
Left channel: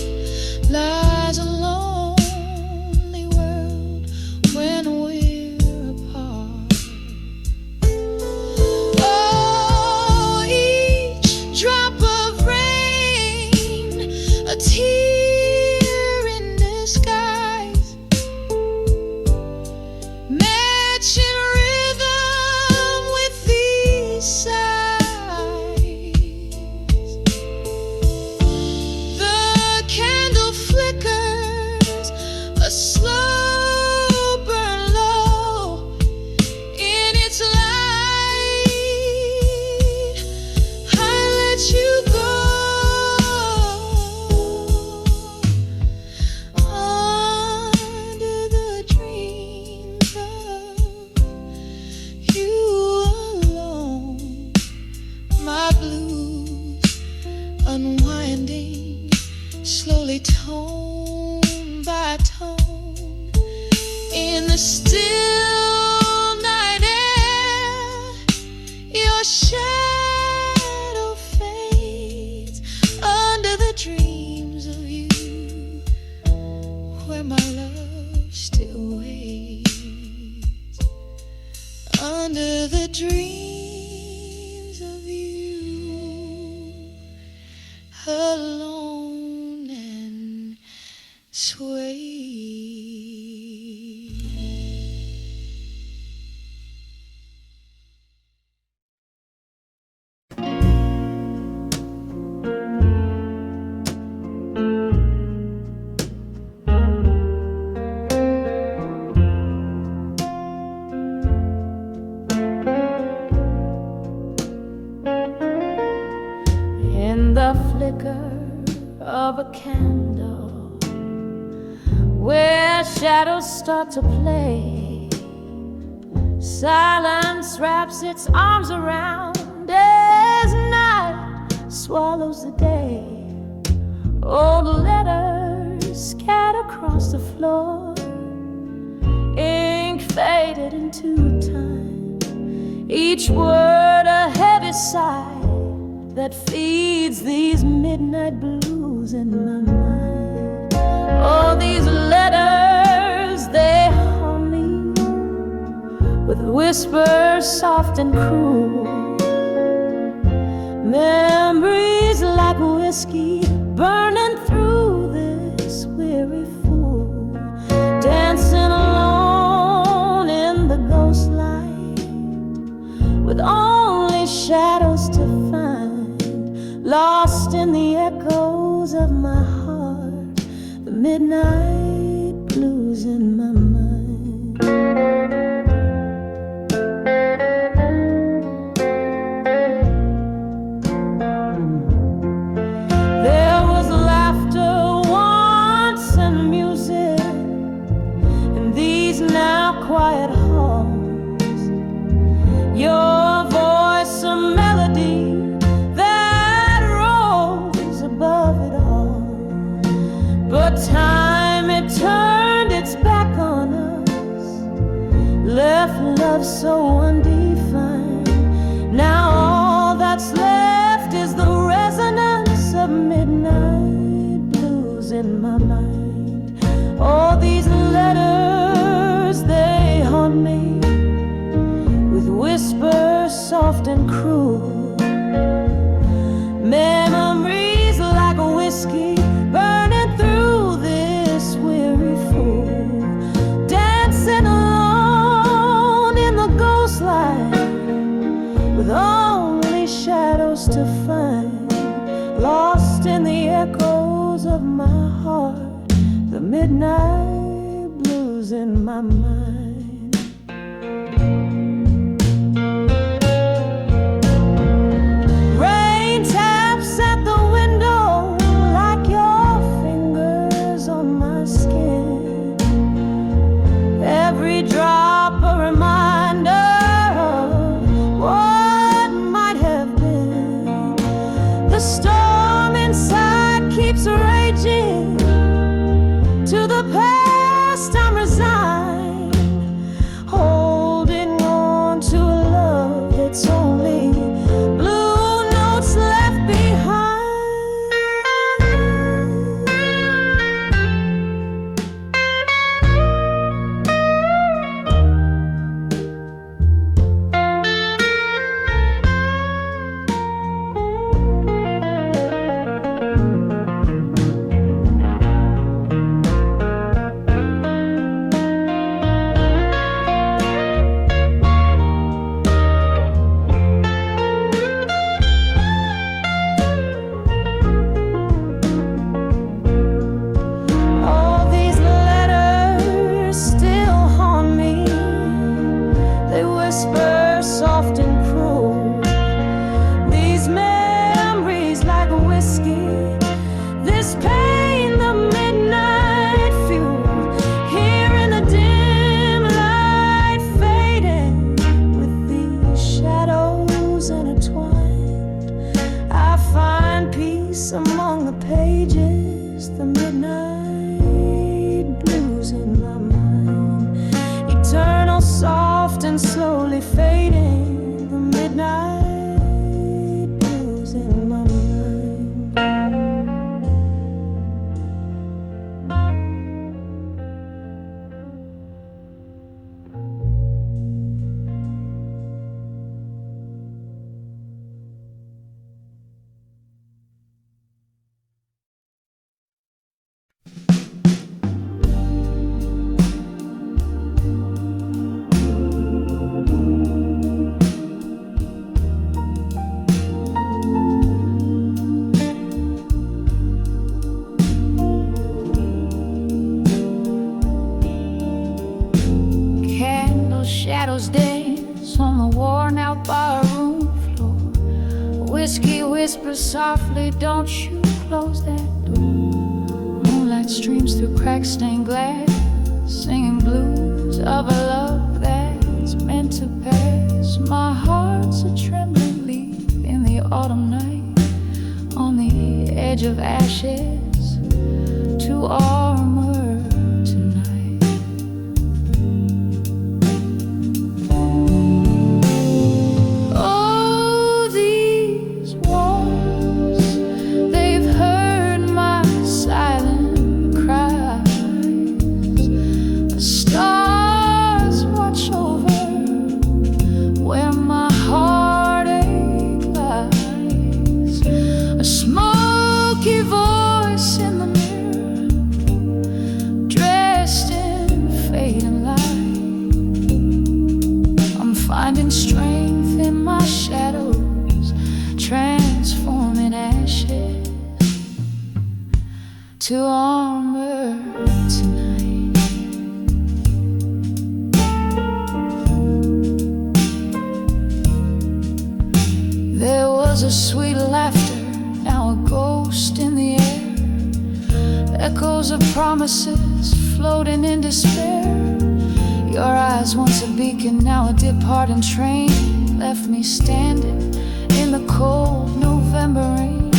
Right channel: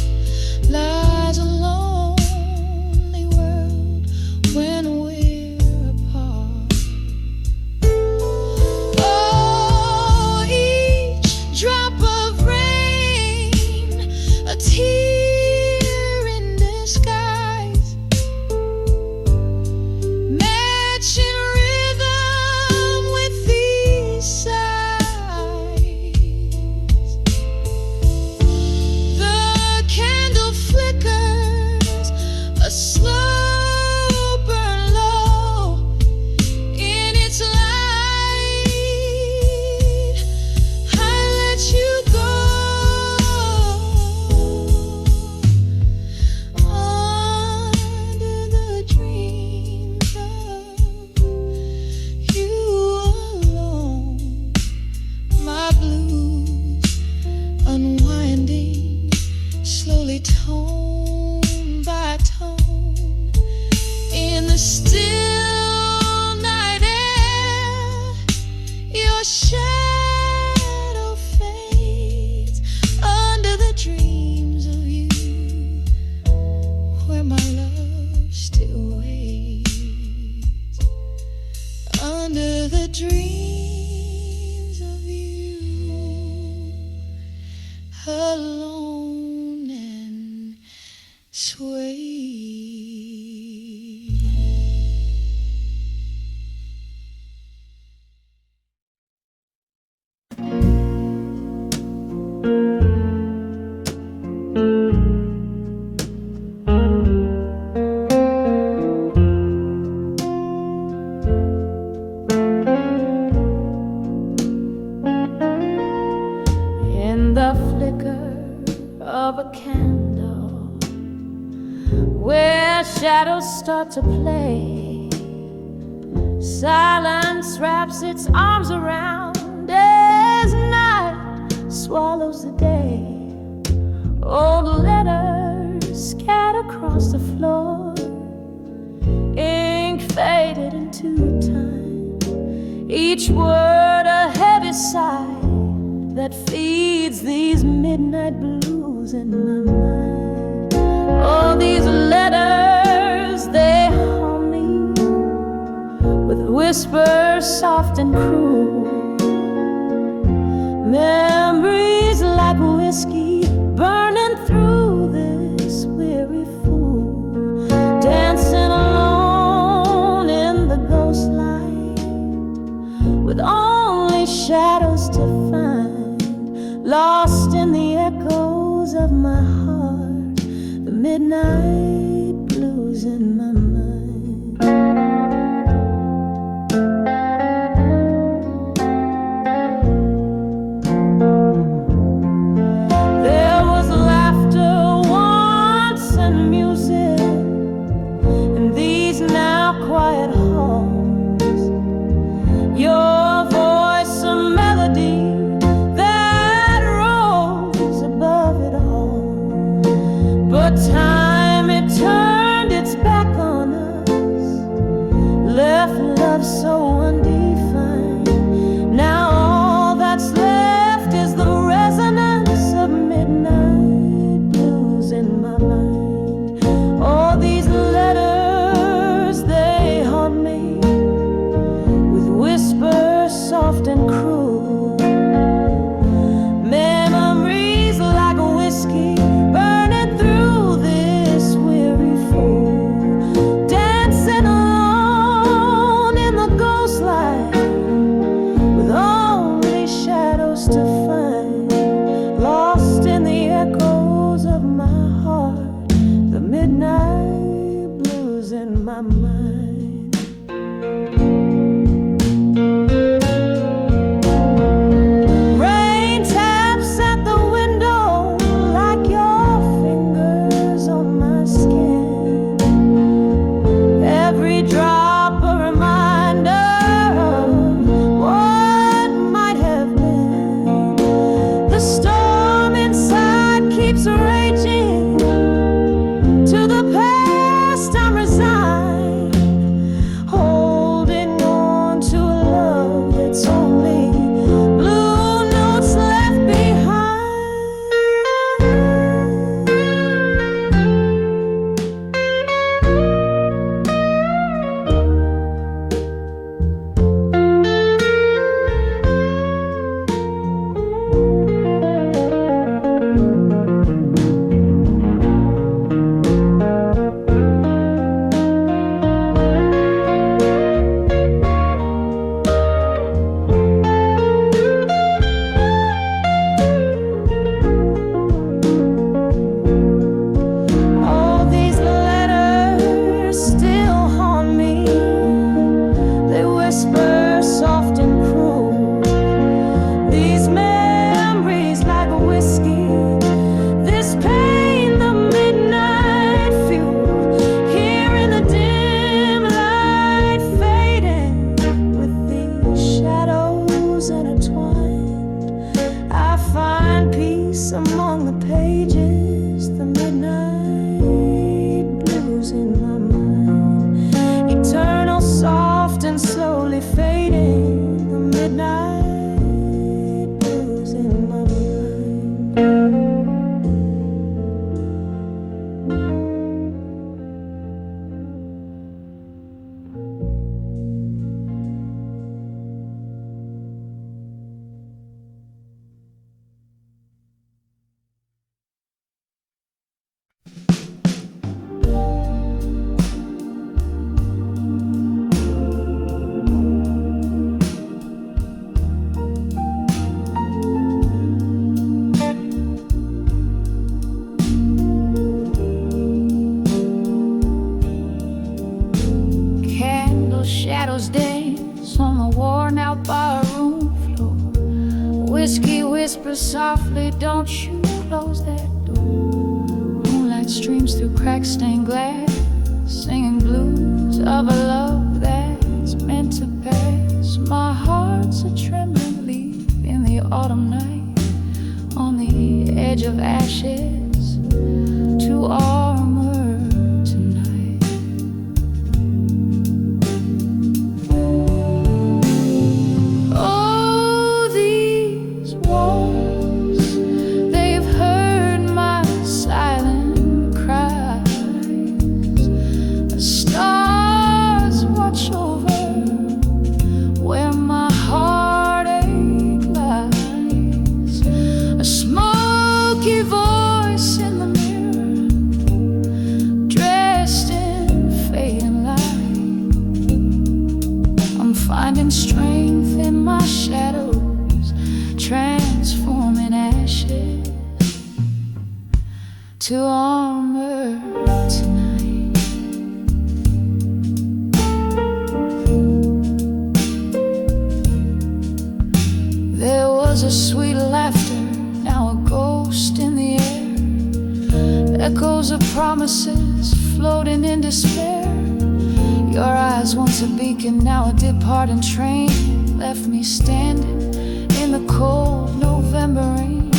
lies a lonely world when we're apart. Oh, each drop of rain, a tear in disguise, matching rhythm with these sighs. The candle flickers, a slow burn low. In its light, I let you go. Under the dreams of you alone, my blues unwinding slowly, tone by tone, in the still night air. Your shadow fades under the dreams of you, where my love still waits. Under the dreams of you, alone and sway. In the flicker of a candle, where shadows start to play, silence wraps its arms around as night swallows the day. Old letters scattered across the floor, ink faded into time, each word a heavy sigh that feeds these midnight blues in my mind. Oh, these letters, they haunt me with whispers soft and cruel, memories like whiskey burning through this weary fool, dancing alone in the ghost light, with only shadows to find, lost in the echoes of my heart, the midnight blues in my mind. There was laughter once and music in these now quiet halls, your voice a melody that rose above it all. But time, it turned its back on us, left love so undefined. Now all that's left is the resonance of midnight blues in my mind. All these letters, they haunt me with whispers soft and cruel, memories like a wind whiskey burning through this weary fool, dancing alone in the ghost light with only shadows to find, lost in the echoes of my heart, the midnight blues in my mind. Rain taps at the window like your fingers on my skin, every drop a reminder of what might have been. The storm inside keeps raging, to the past I'm resigned, holding on to a love that's only blue notes left behind. All these letters still haunt me, they whisper soft and cruel. These memories like whiskey, this pain the midnight fuel. Here in the dim light fading, with these shadows intertwined, I find peace among the pages, the midnight blues in my mind. Eternal, soft and slowly fading, the midnight blues in my mind. Candle shadows dance on the worn-out barroom floor. Whiskey whispers softly, don't you close that door. Moonlight streams through crack-stained glass, singing blues of a love that's meant to pass. My heart's a trembling leaf in the autumn night, on the edge of ashes, to armor tonight. Oh, these walls, they've heard my silent cries. The stars watch over where my heartache lies. A smoky voice in the mirror, dressed in fading light. I'm finding strength in my shadows, transforming ashes to armor tonight. There was a sweet laughter, now a ghost in the air. Echoes of promises floating in despair. Your eyes, once a beacon, now a departing train, left me standing in the cold November rain.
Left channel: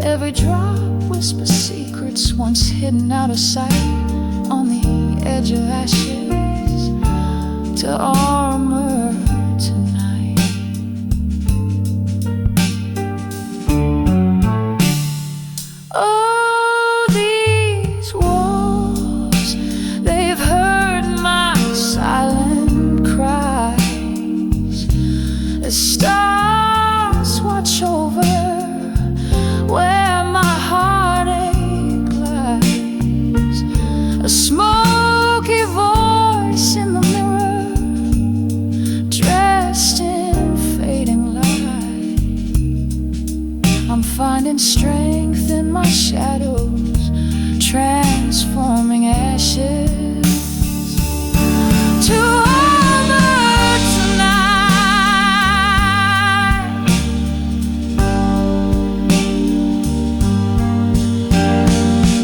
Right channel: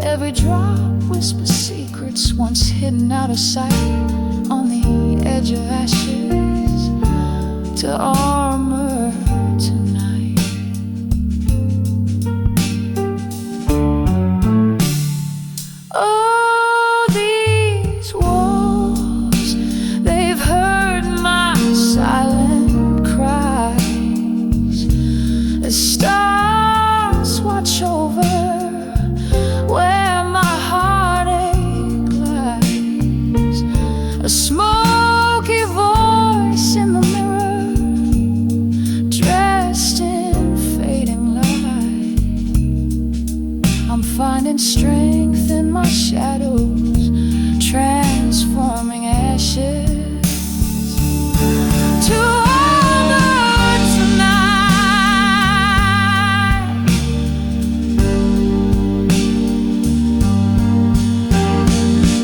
Every drop whispers secrets once hidden out of sight, on the edge of ashes to armor tonight. Oh, these walls, they've heard my silent cries. The stars watch over where my heart a smoky voice in the mirror, dressed in fading light. I'm finding strength in my shadows, transforming ashes to armor tonight.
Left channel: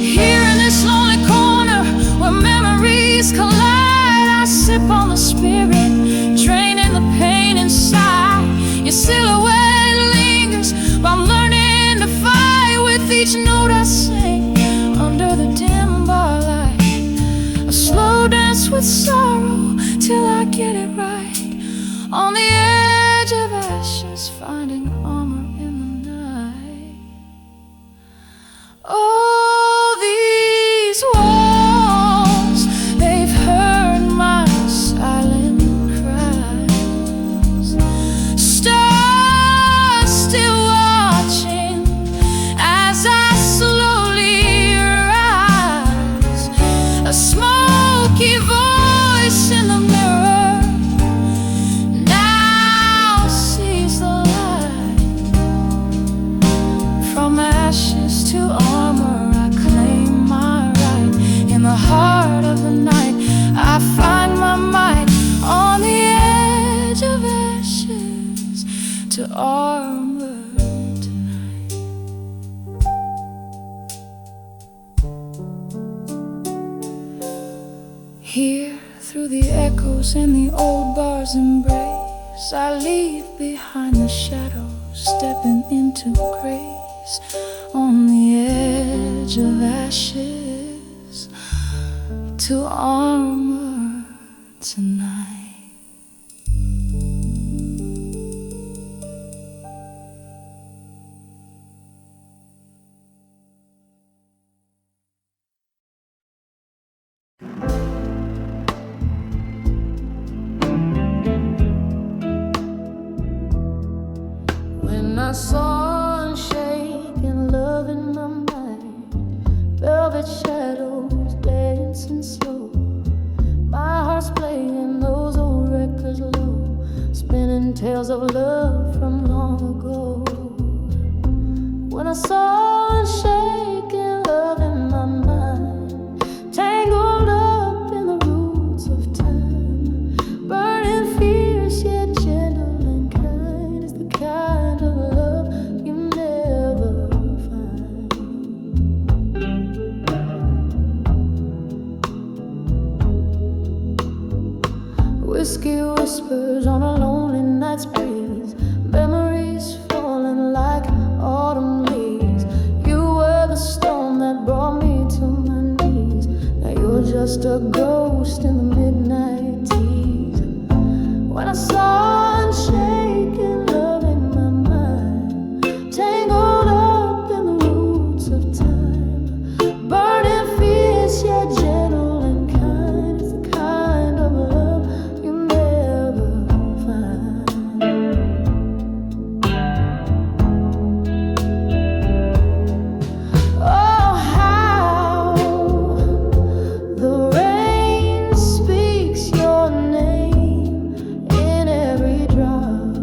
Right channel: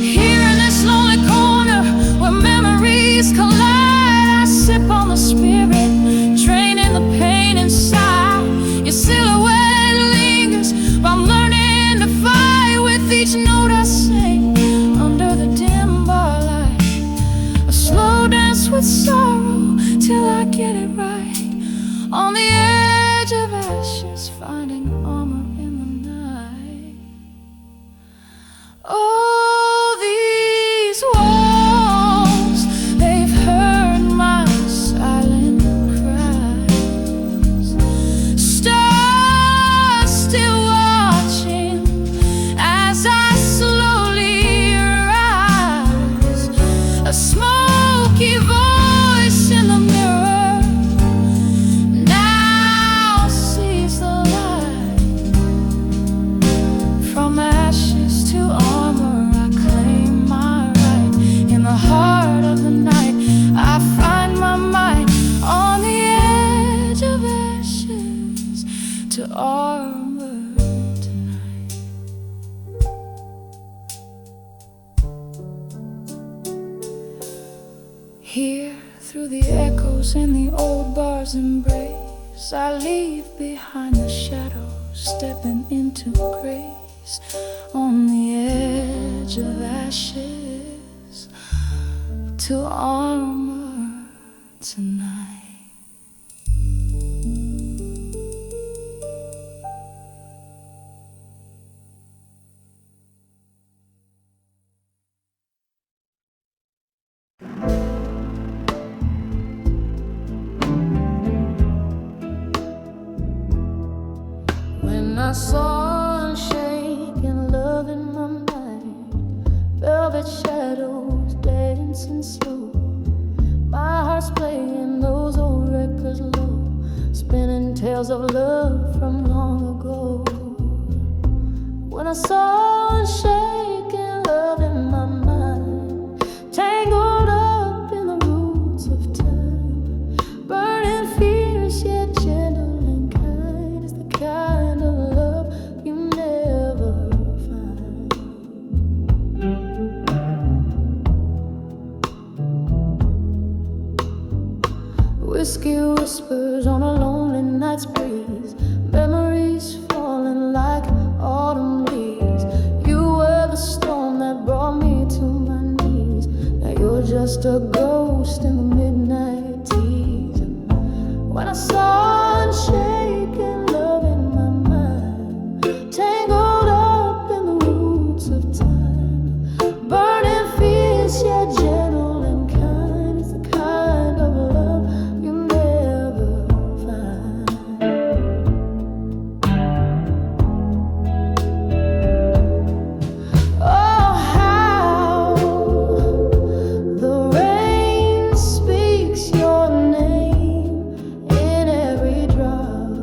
Here in this lonely corner where memories collide, I sip on the spirit, draining the pain inside. Your silhouette lingers, but I'm learning to fight with each note I sing under the dim bar light. A slow dance with sorrow till I get it right. On the edge of ashes, finding armor in the night. Oh, these walls, they've heard my silent cries. Stars still watching as I slowly rise. A smoky voice in the mirror now sees the light. From ashes to armor, I claim my right. In the heart of the night, I find my might. On the edge of ashes to armor tonight. Here, through the echoes and the old bar's embrace, I leave behind the shadows, stepping into grace. On the edge of ashes to armor tonight. When I saw unshaken love in my mind, velvet shadows dancing slow, my heart's playing those old records low, spinning tales of love from long ago. When I saw unshaken love in my mind, tangled up in the roots of time, burning fierce yet gentle and kind, is the kind of love you never find. Whiskey whispers on a lonely night's breeze, memories falling like autumn leaves. You were the storm that brought me to my knees. Now you're just a ghost in the midnight tease. When I saw unshaken love in my mind, tangled up in the roots of time, burning fierce yet gentle and kind, is the kind of love you never find. Oh, how the rain speaks your name in every drop,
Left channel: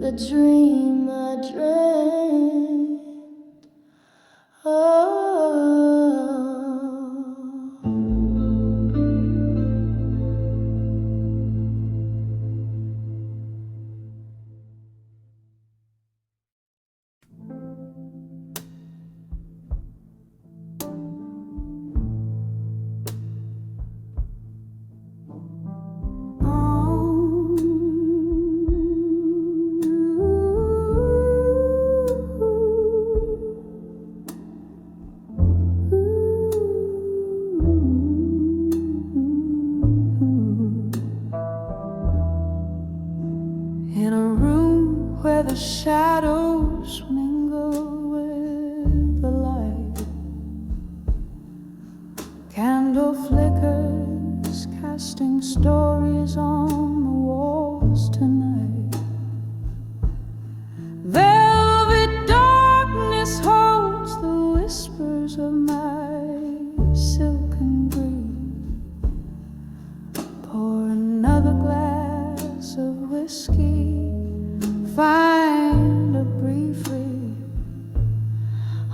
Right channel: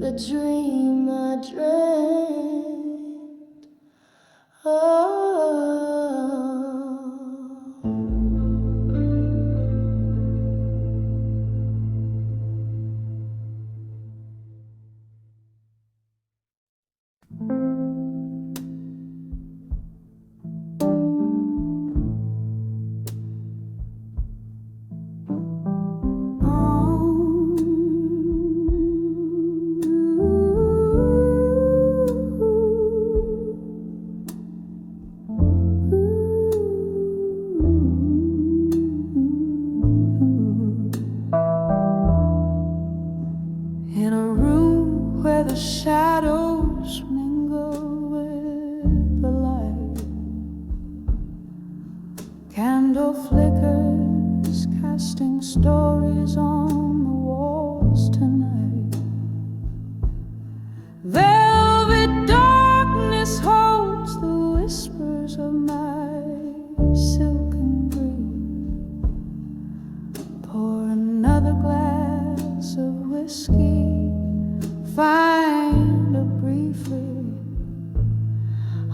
the dream I dreamt. Oh. In a room where the shadows mingle with the light, candle flickers casting stories on the walls tonight. Velvet darkness holds the whispers of my silken grief. Pour another glass of whiskey, find a brief read.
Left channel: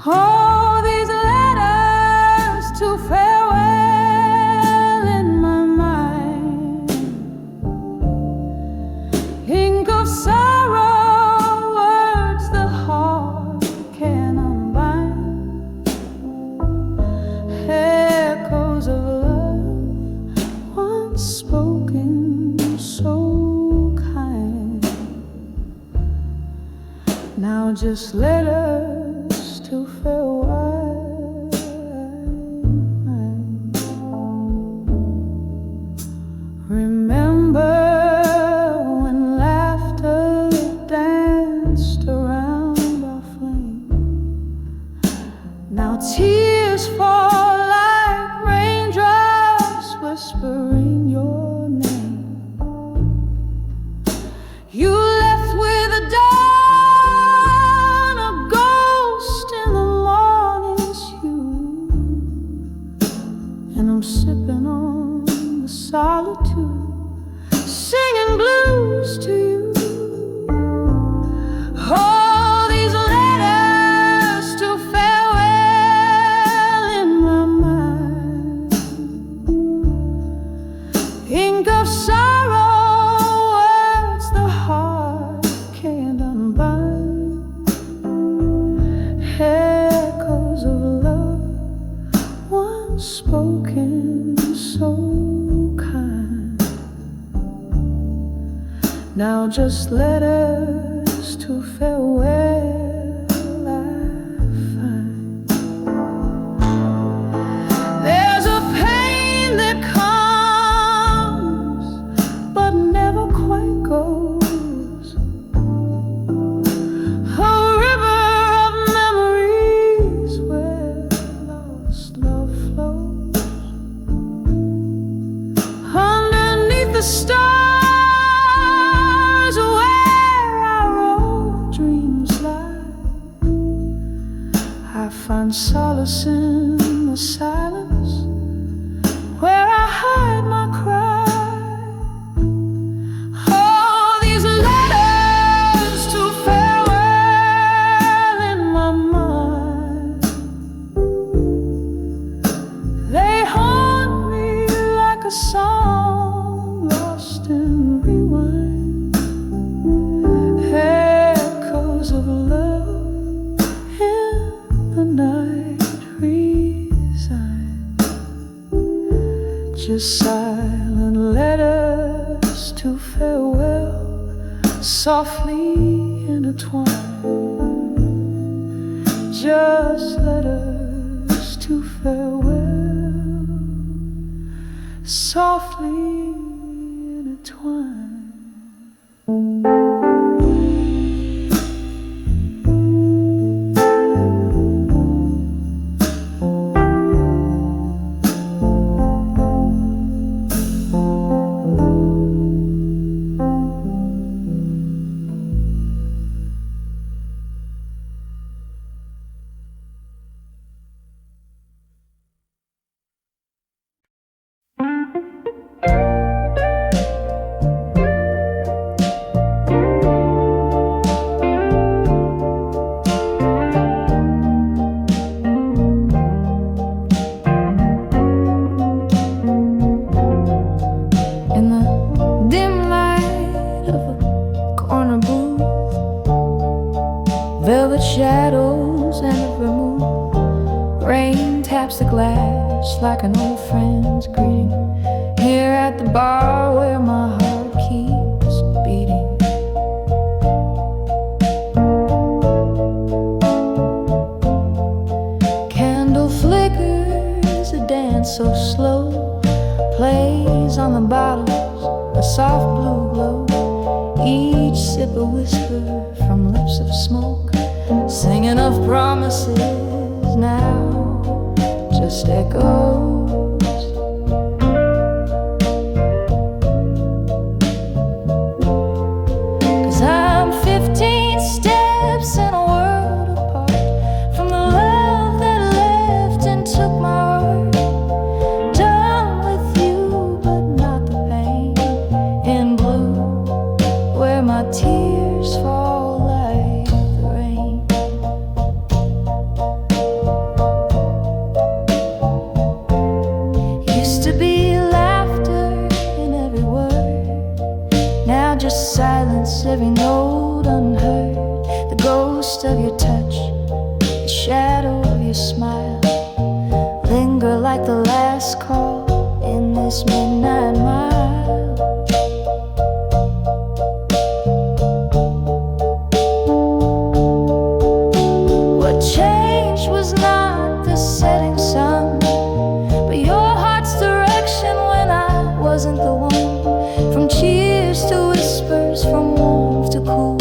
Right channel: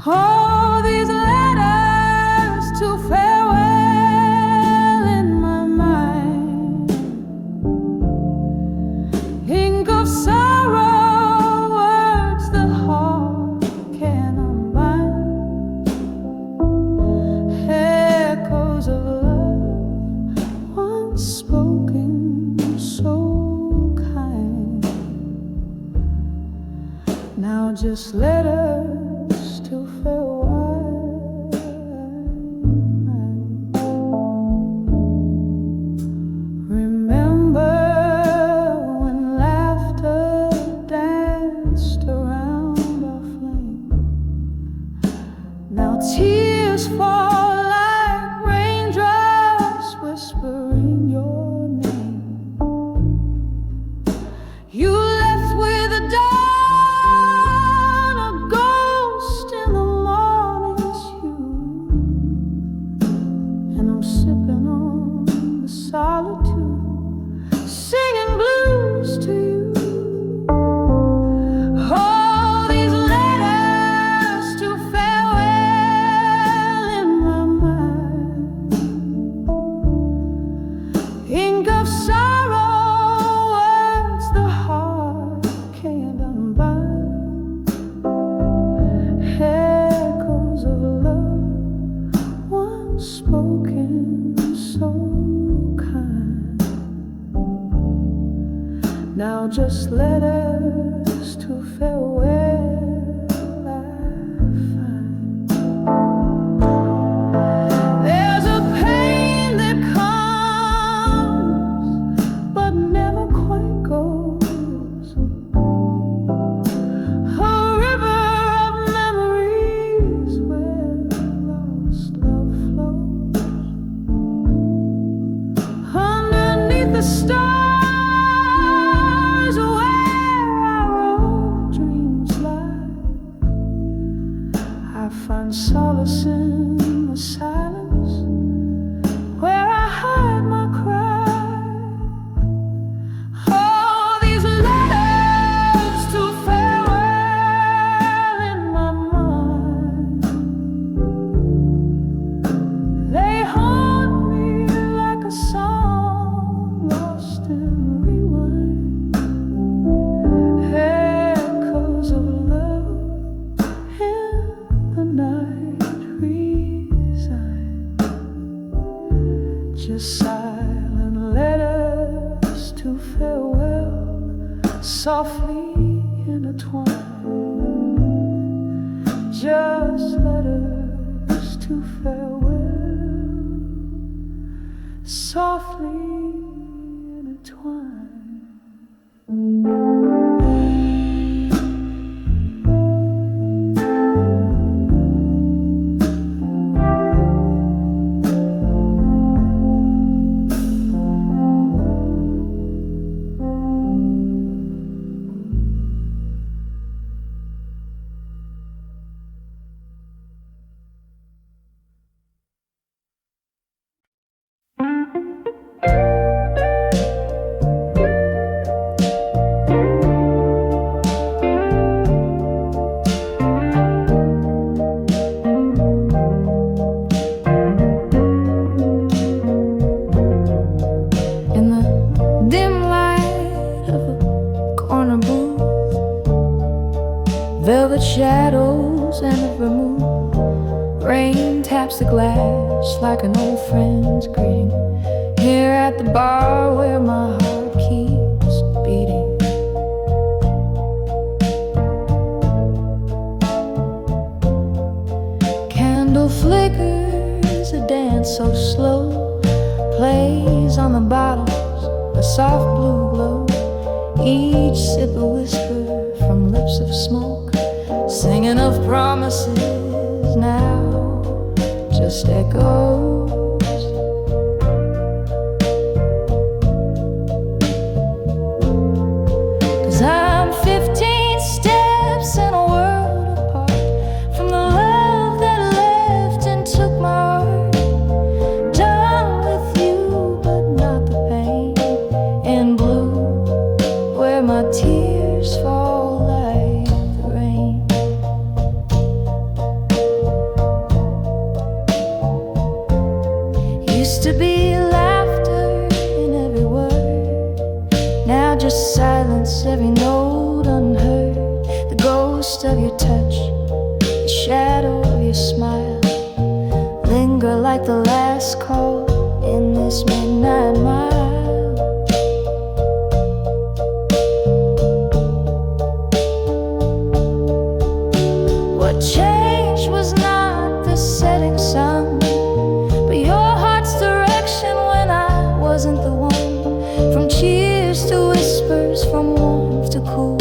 All these letters to farewell in my mind, ink of sorrow, words the heart can unbind, echoes of love once spoken so kind. Now just letters to farewell. Remember when laughter danced around our flame. Now tears fall like raindrops whispering your name. You left with a dawn, a ghost in the morning's hue, and I'm sipping on the solitude, singing blues to you. All these letters to farewell in my mind, ink of sorrow, words the heart can't unbind, echoes of love once spoken so kind. Now just letters to farewell I find. There's a pain that comes but never quite goes, a river of memories where lost love flows. Underneath the stars where our old dreams lie, I find solace in the silence where I hide my cry. All these letters to farewell in my mind, they haunt me like a song lost in rewind, echoes of love in the night resign. Just silent letters to farewell, softly intertwined. Just letters to farewell, softly intertwined. velvet shadows and a vermouth. Rain taps the glass like an old friend's greeting, here at the bar where my heart keeps beating. Candle flickers, a dance so slow, plays on the bottles, a soft blue glow. Each sip a whisper from lips of smoke, singing of promises now just echoes. 'Cause I'm 15 steps in a world apart from the love that left and took my heart. Done with you, but not the pain. In blue, where my tears fall like the rain. Used to be laughter in every word, now just silence, every note unheard. The ghost of your touch, the shadow of your smile, linger like the last call in this midnight mile. What changed was not the setting sun, but your heart's direction when I wasn't the one. From cheers to whispers, from warmth to cool,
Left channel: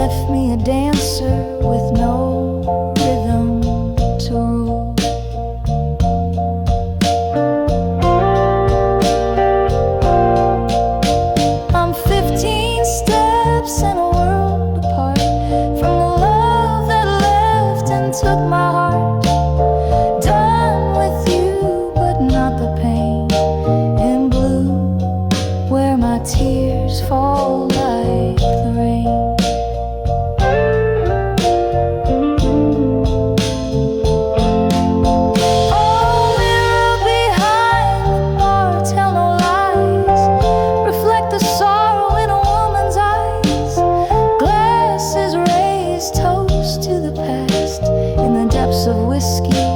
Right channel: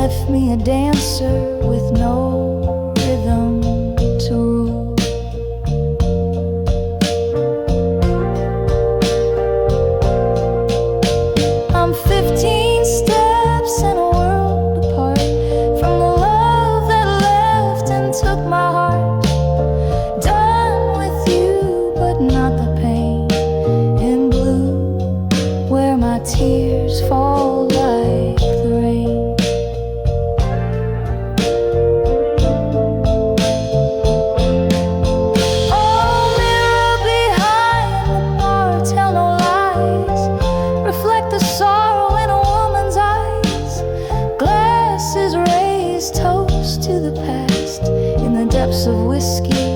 left me a dancer with no rhythm to rule. I'm 15 steps in a world apart from the love that left and took my heart. Done with you, but not the pain. In blue, where my tears fall like the rain. Oh, mirror behind the bar, tell no lies. Reflect the sorrow in a woman's eyes. Glasses raised, toast to the past. In the depths of whiskey,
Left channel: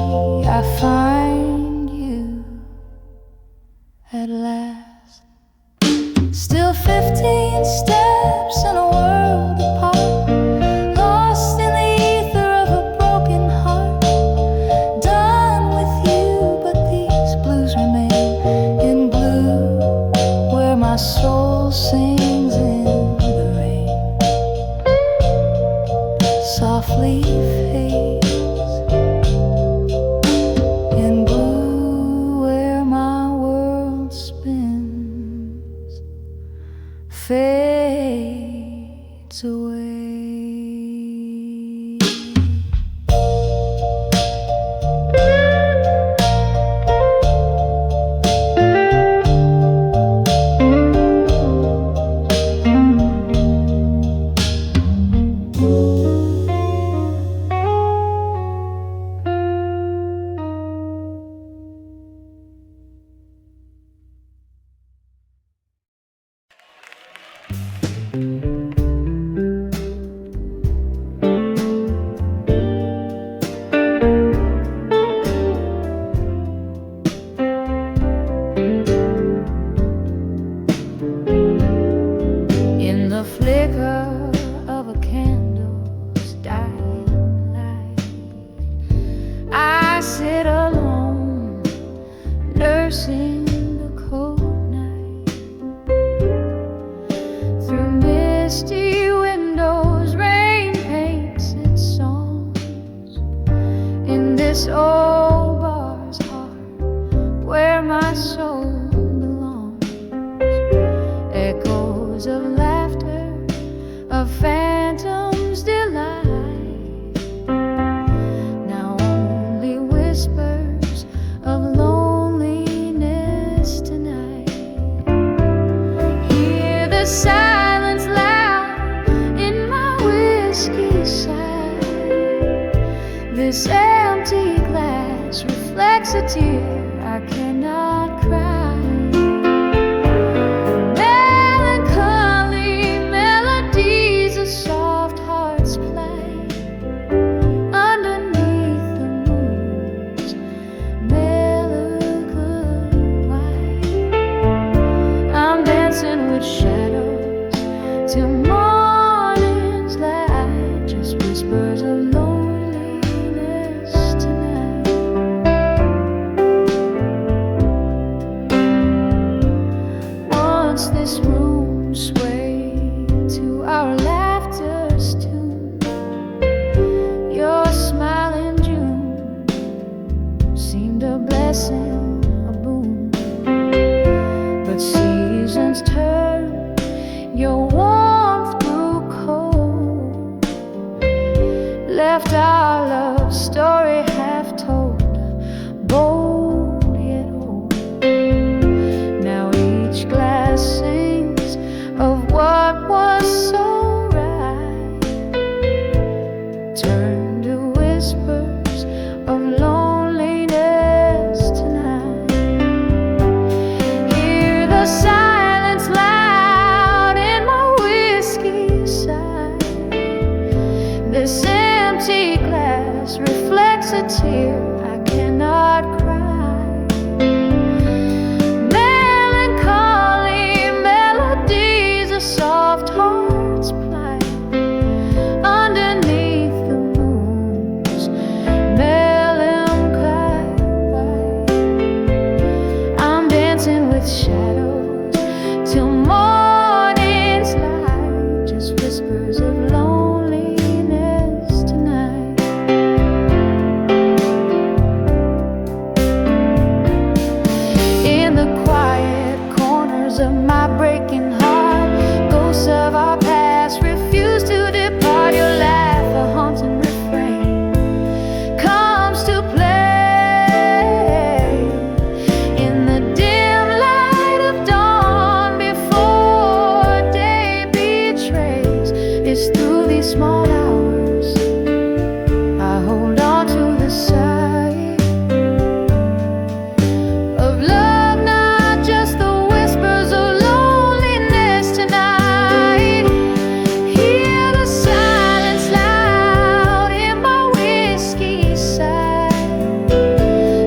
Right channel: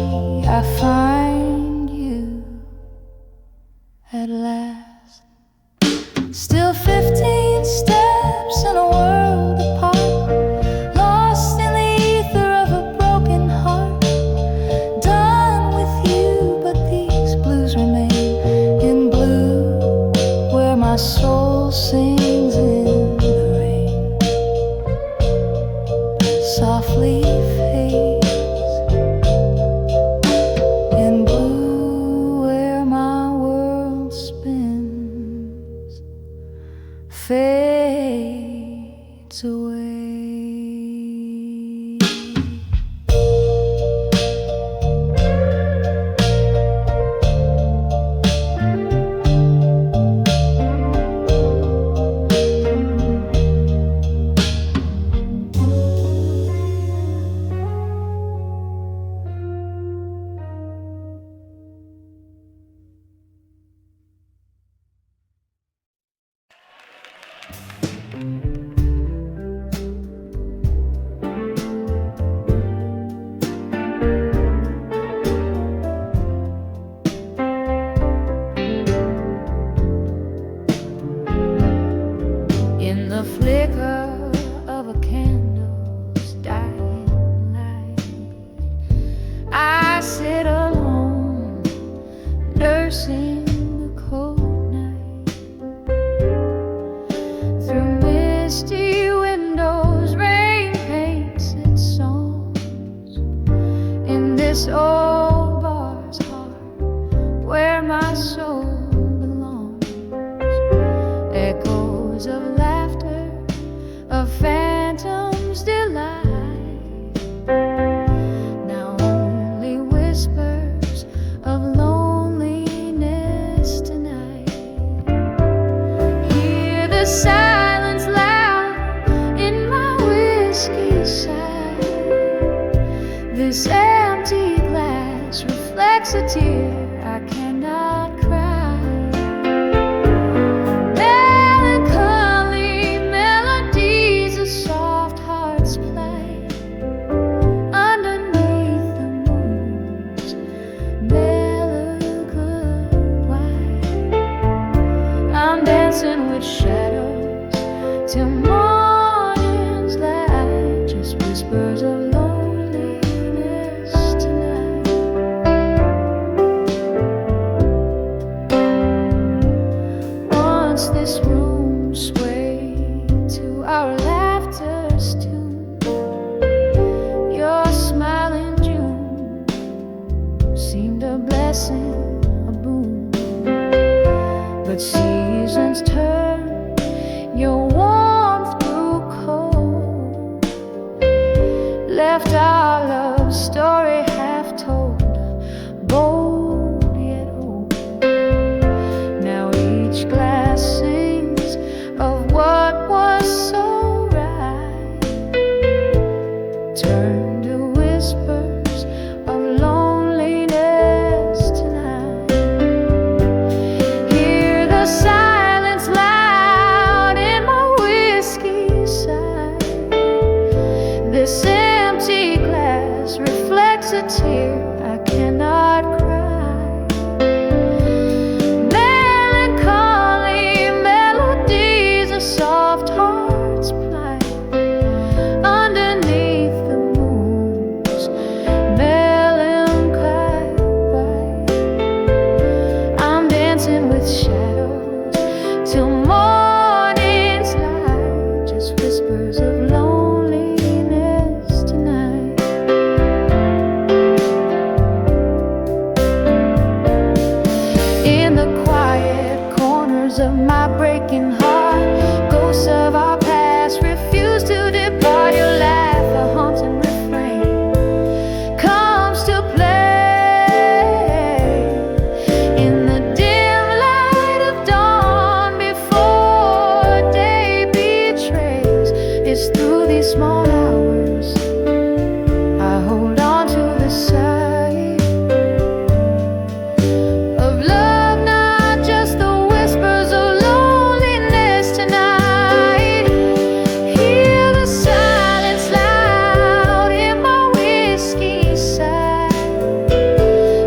I find you at last. Still 15 steps in a world apart, lost in the ether of a broken heart. Done with you, but these blues remain. In blue, where my soul sings in the rain, softly fades. In blue, where my world spins, fades away. In the flicker of a candle's dying light, I sit alone, nursing the cold night. Through misty windows, rain paints its songs. In this old bar's heart, where my soul belongs, echoes of laughter, of phantom's delight. Now only whispers of loneliness tonight. Hear the silence loud in my whiskey side. This empty glass reflects a tear I cannot cry. Melancholy melodies of soft hearts play. blessing, a boon. But seasons turn, your warmth grew cold, left our love story half told, bold yet old. Now each glass sings of what was so right, turn to whispers of loneliness tonight. Hear the silence loud in my whiskey side. This empty glass reflects a tear I cannot cry. Melancholy melodies, a soft heart's plight, underneath the moon's melancholy white. I'm dancing with shadows till morning's light, just whispers of loneliness tonight. In the quiet corners of my breaking heart, ghosts of our past refuse to depart. Your laugh, a haunting refrain, comes to play in the dim light of dawn before day betrays. It's through these small hours I hold on to the sight of love, not just the whispers of loneliness tonight. Hear the silence loud in my whiskey side.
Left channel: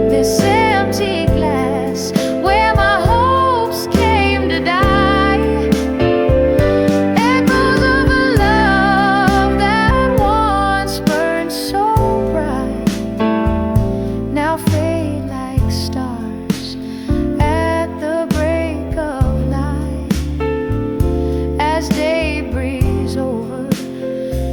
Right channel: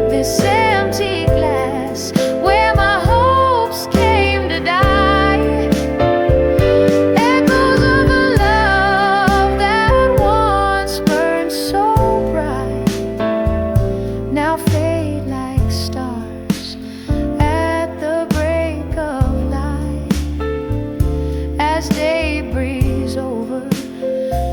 This empty glass where my hopes came to die. Echoes of a love that once burned so bright, now fade like stars at the break of light. As day breathes over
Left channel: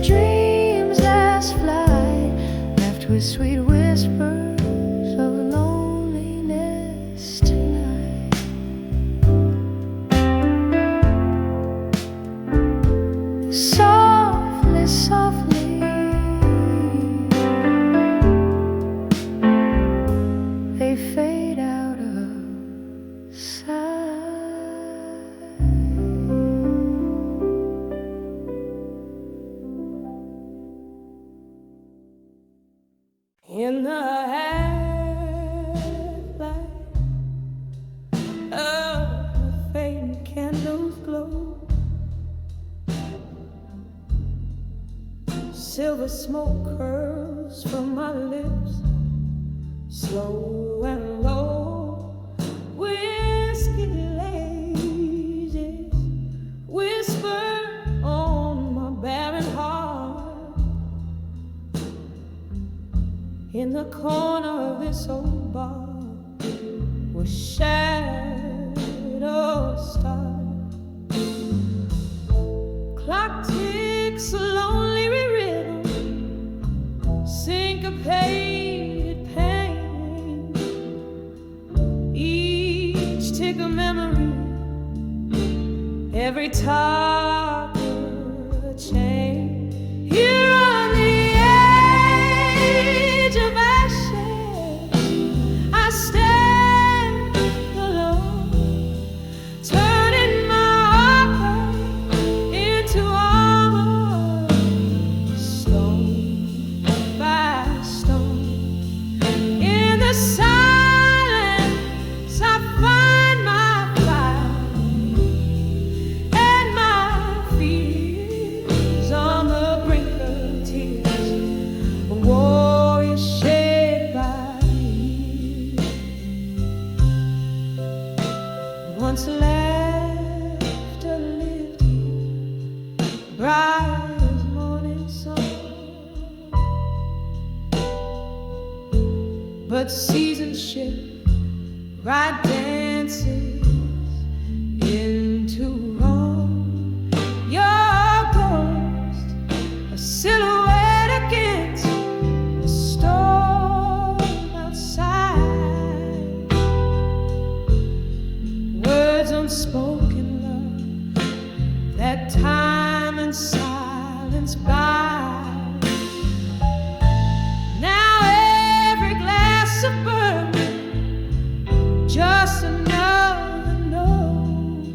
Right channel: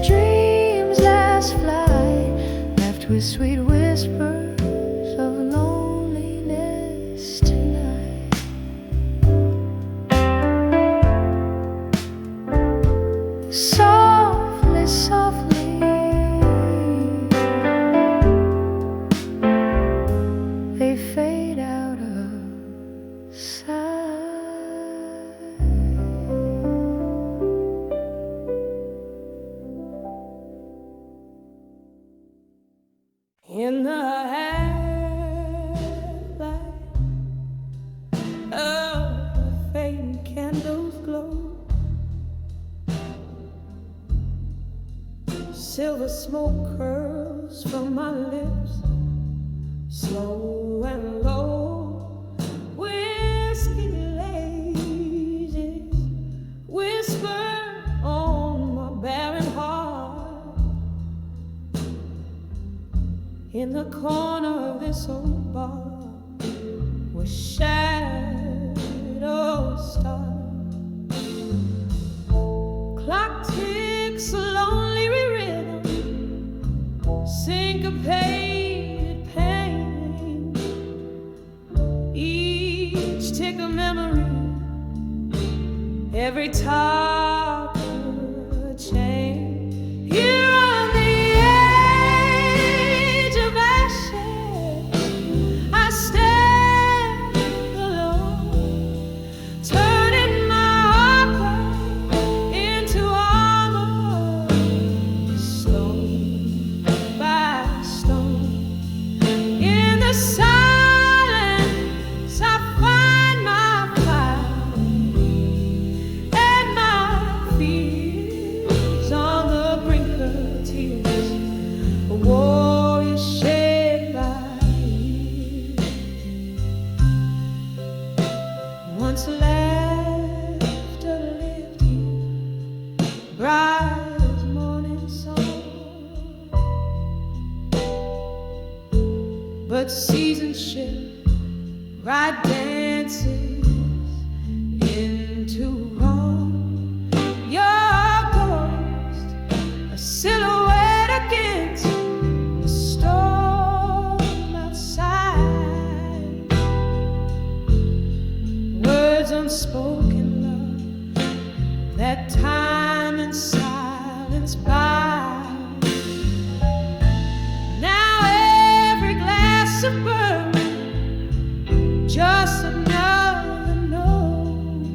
dreams last flight, left with sweet whispers of loneliness tonight. Softly, softly, they fade out of sight. In the half-light of the fading candles glow, silver smoke curls from my lips, slow and low. Whiskey lasers whisper on my barren heart. In the corner of this old bar where shadows start, clock ticks a lonely rhythm, syncopated pain. Each tick a memory, every talk a chain. Here on the edge of ashes, I stand alone, turning my opera into armor, stone by stone. In the silence, I find my fight and my fears on the brink of tears. A warrior shaped by years, once laughter lived here, bright as morning sun. But seasons shift, right dances into wrong. Your ghost, a silhouette against the storm outside. moments by. Now every glass of bourbon, just another note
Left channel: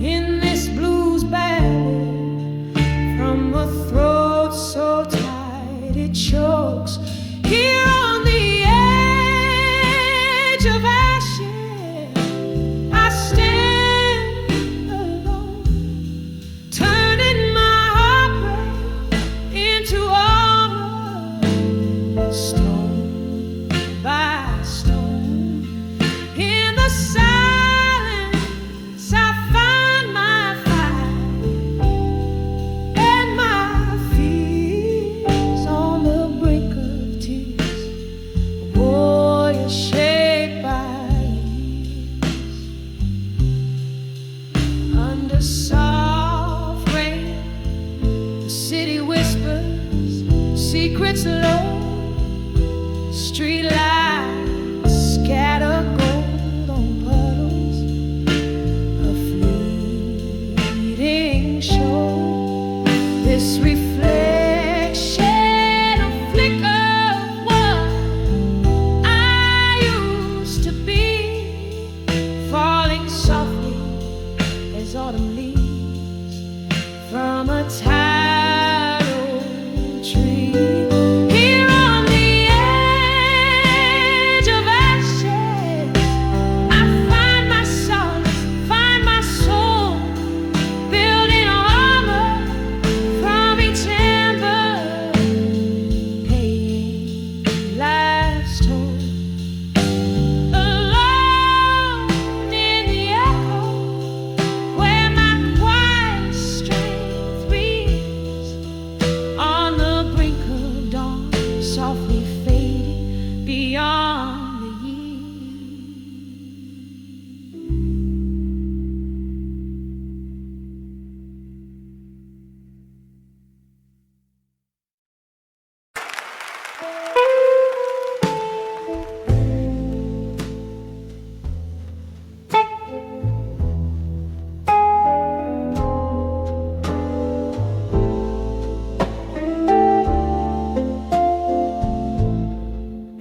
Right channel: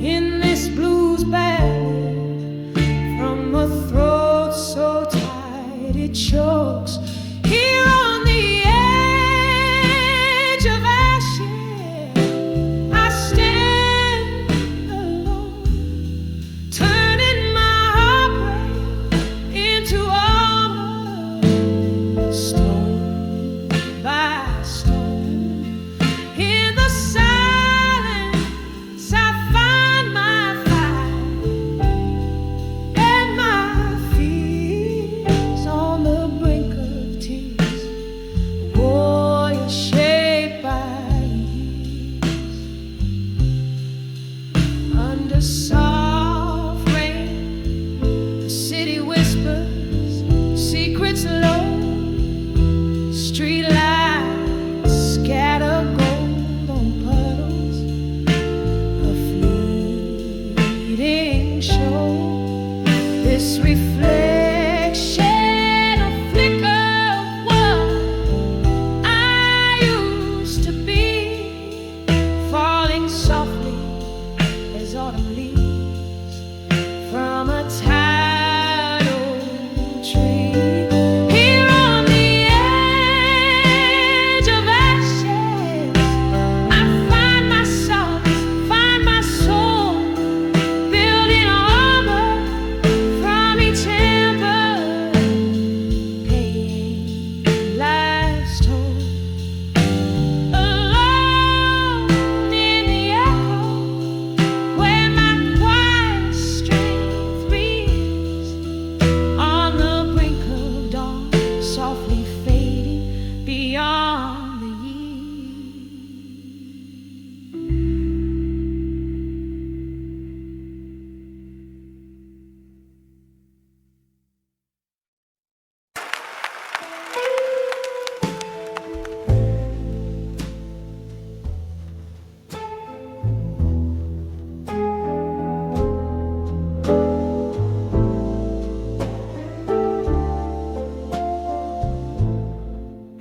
in this blues ballad from a throat so tight it chokes. Here on the edge of ashes, I stand alone, turning my heartbreak into armor, stone by stone. In the silence, I find my fight and my fears on the brink of tears. A warrior shaped by years. Under soft rain, the city whispers secrets low. Street lights scatter gold on puddles, a fleeting show. This reflection, a flicker of what I used to be, falling softly as autumn leaves from a tired old tree. Here on the edge of ashes, I find my solace, find my soul, building armor from each ember, paying life's toll. Alone in the echo, where my quiet strength rears, on the brink of dawn, softly fading beyond the years.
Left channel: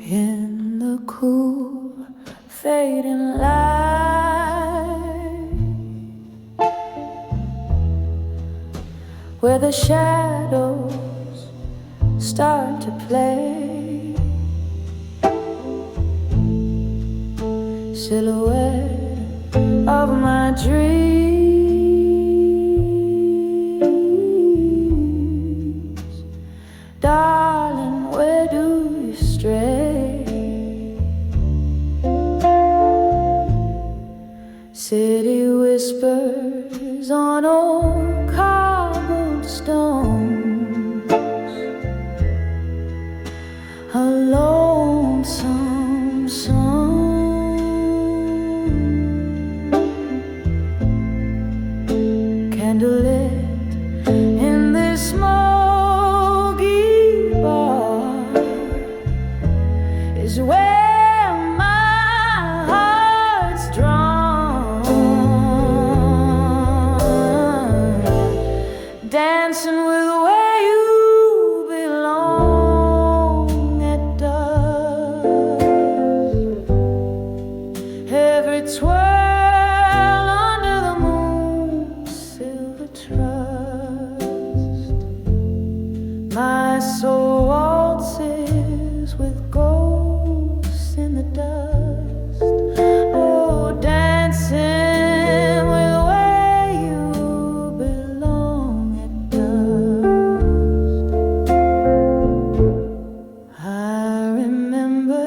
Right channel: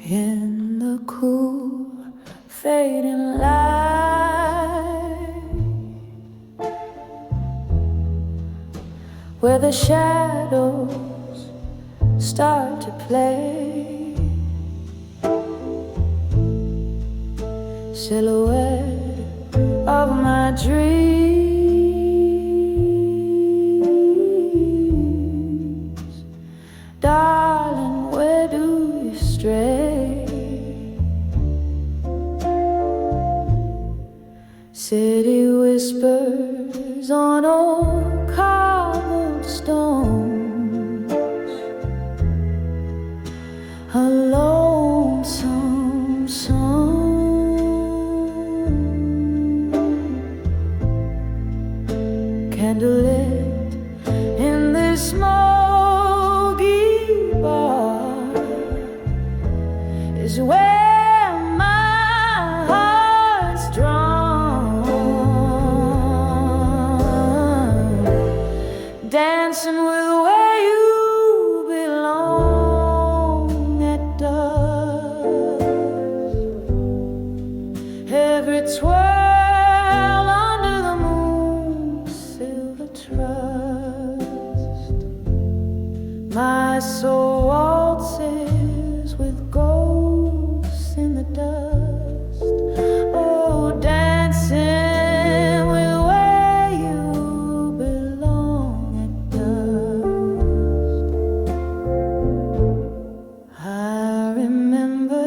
In the cool, fading light, where the shadows start to play, silhouette of my dreams, darling, where do you stray? City whispers on old cobblestones, a lonesome song, candlelit in this smoky bar is where my heart's drawn, dancing with where you belong at dusk. Every twirl under the moon's silver trust, my soul waltzes with ghosts in the dust. Oh, dancing with where you belong at dusk. I remember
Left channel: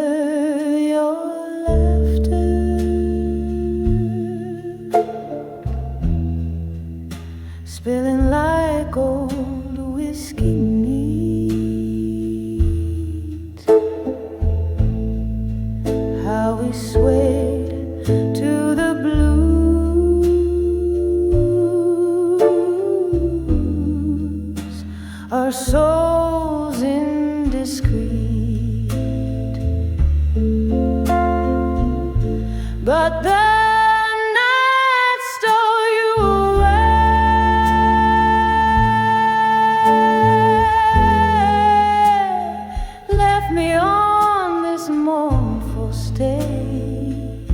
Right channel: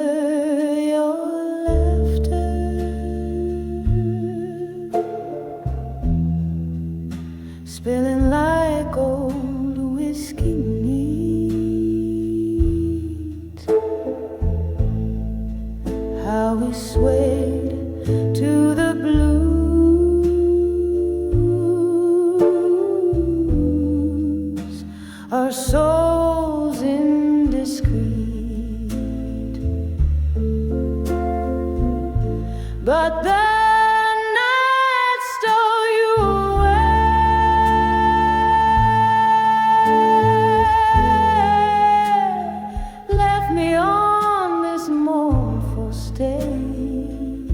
your laughter, spilling like old whiskey neat. How we swayed to the blues, our souls indiscreet. But the night stole you away. stage.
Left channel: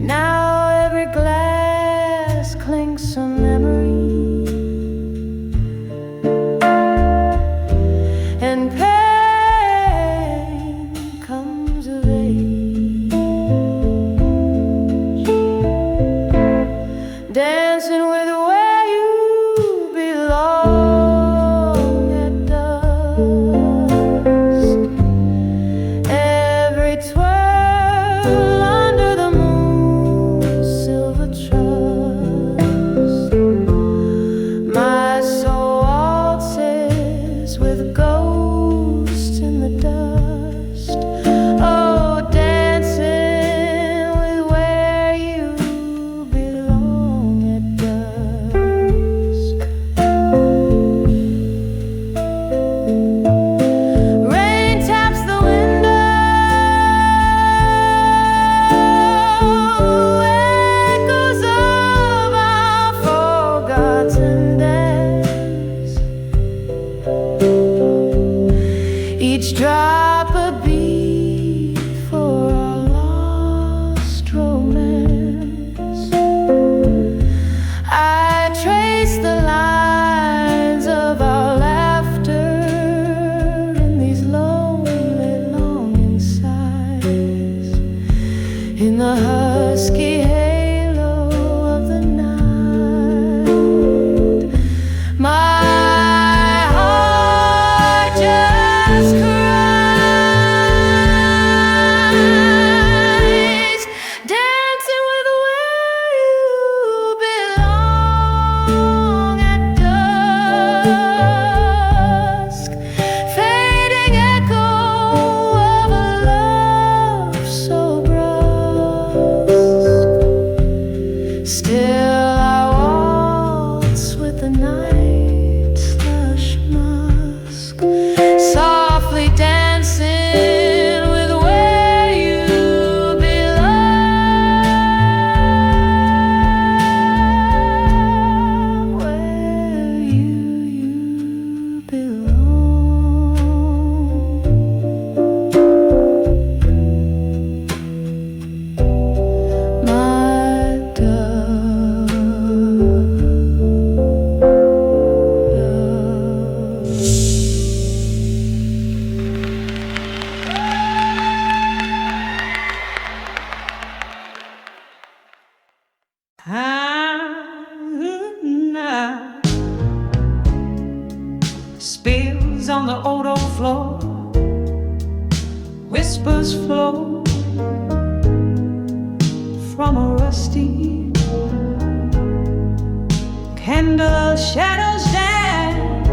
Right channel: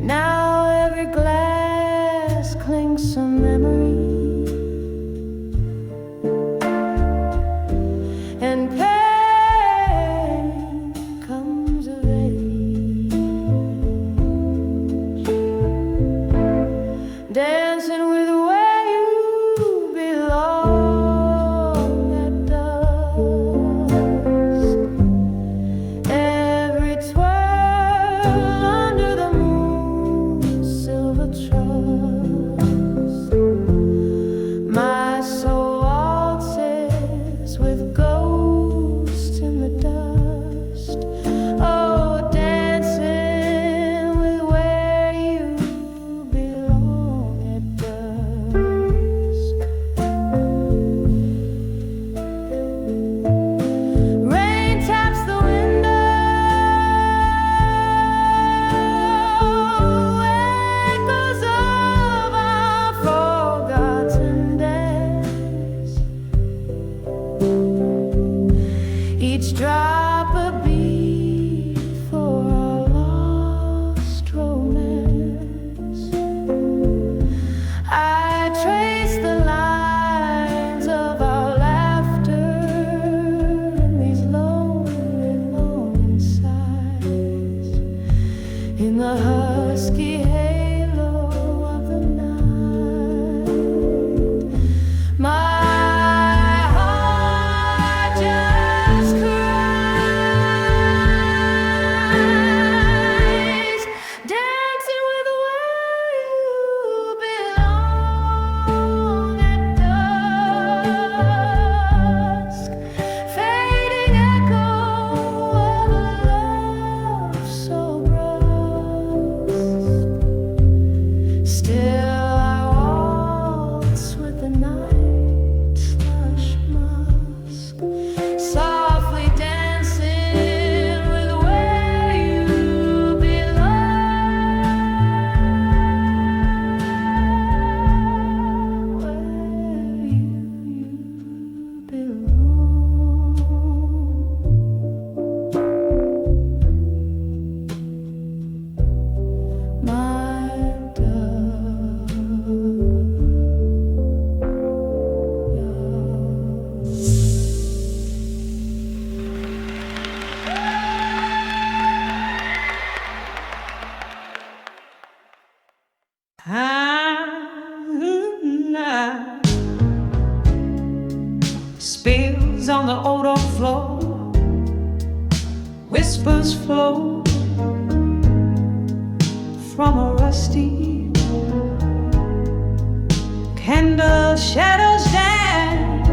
Now every glass clinks a memory, and pain comes of age, dancing with where you belong at dusk. Every twirl under the moon's silver trust, my soul waltzes with ghosts in the dust. Oh, dancing with where you belong at dusk. Rain taps the window, echoes of our forgotten dance. Each drop a beat for our lost romance. I trace the lines of our laughter in these lonely longing sighs, in the husky halo of the night. My heart just cries, dancing with where you belong at dusk. Fading echo of a love so brusque. Still I waltz with the night's lush musk, softly dancing with where you belong, where you belong. My dove. Spills on the old oak floor, whispers flow from a rusty candle. Shadows dance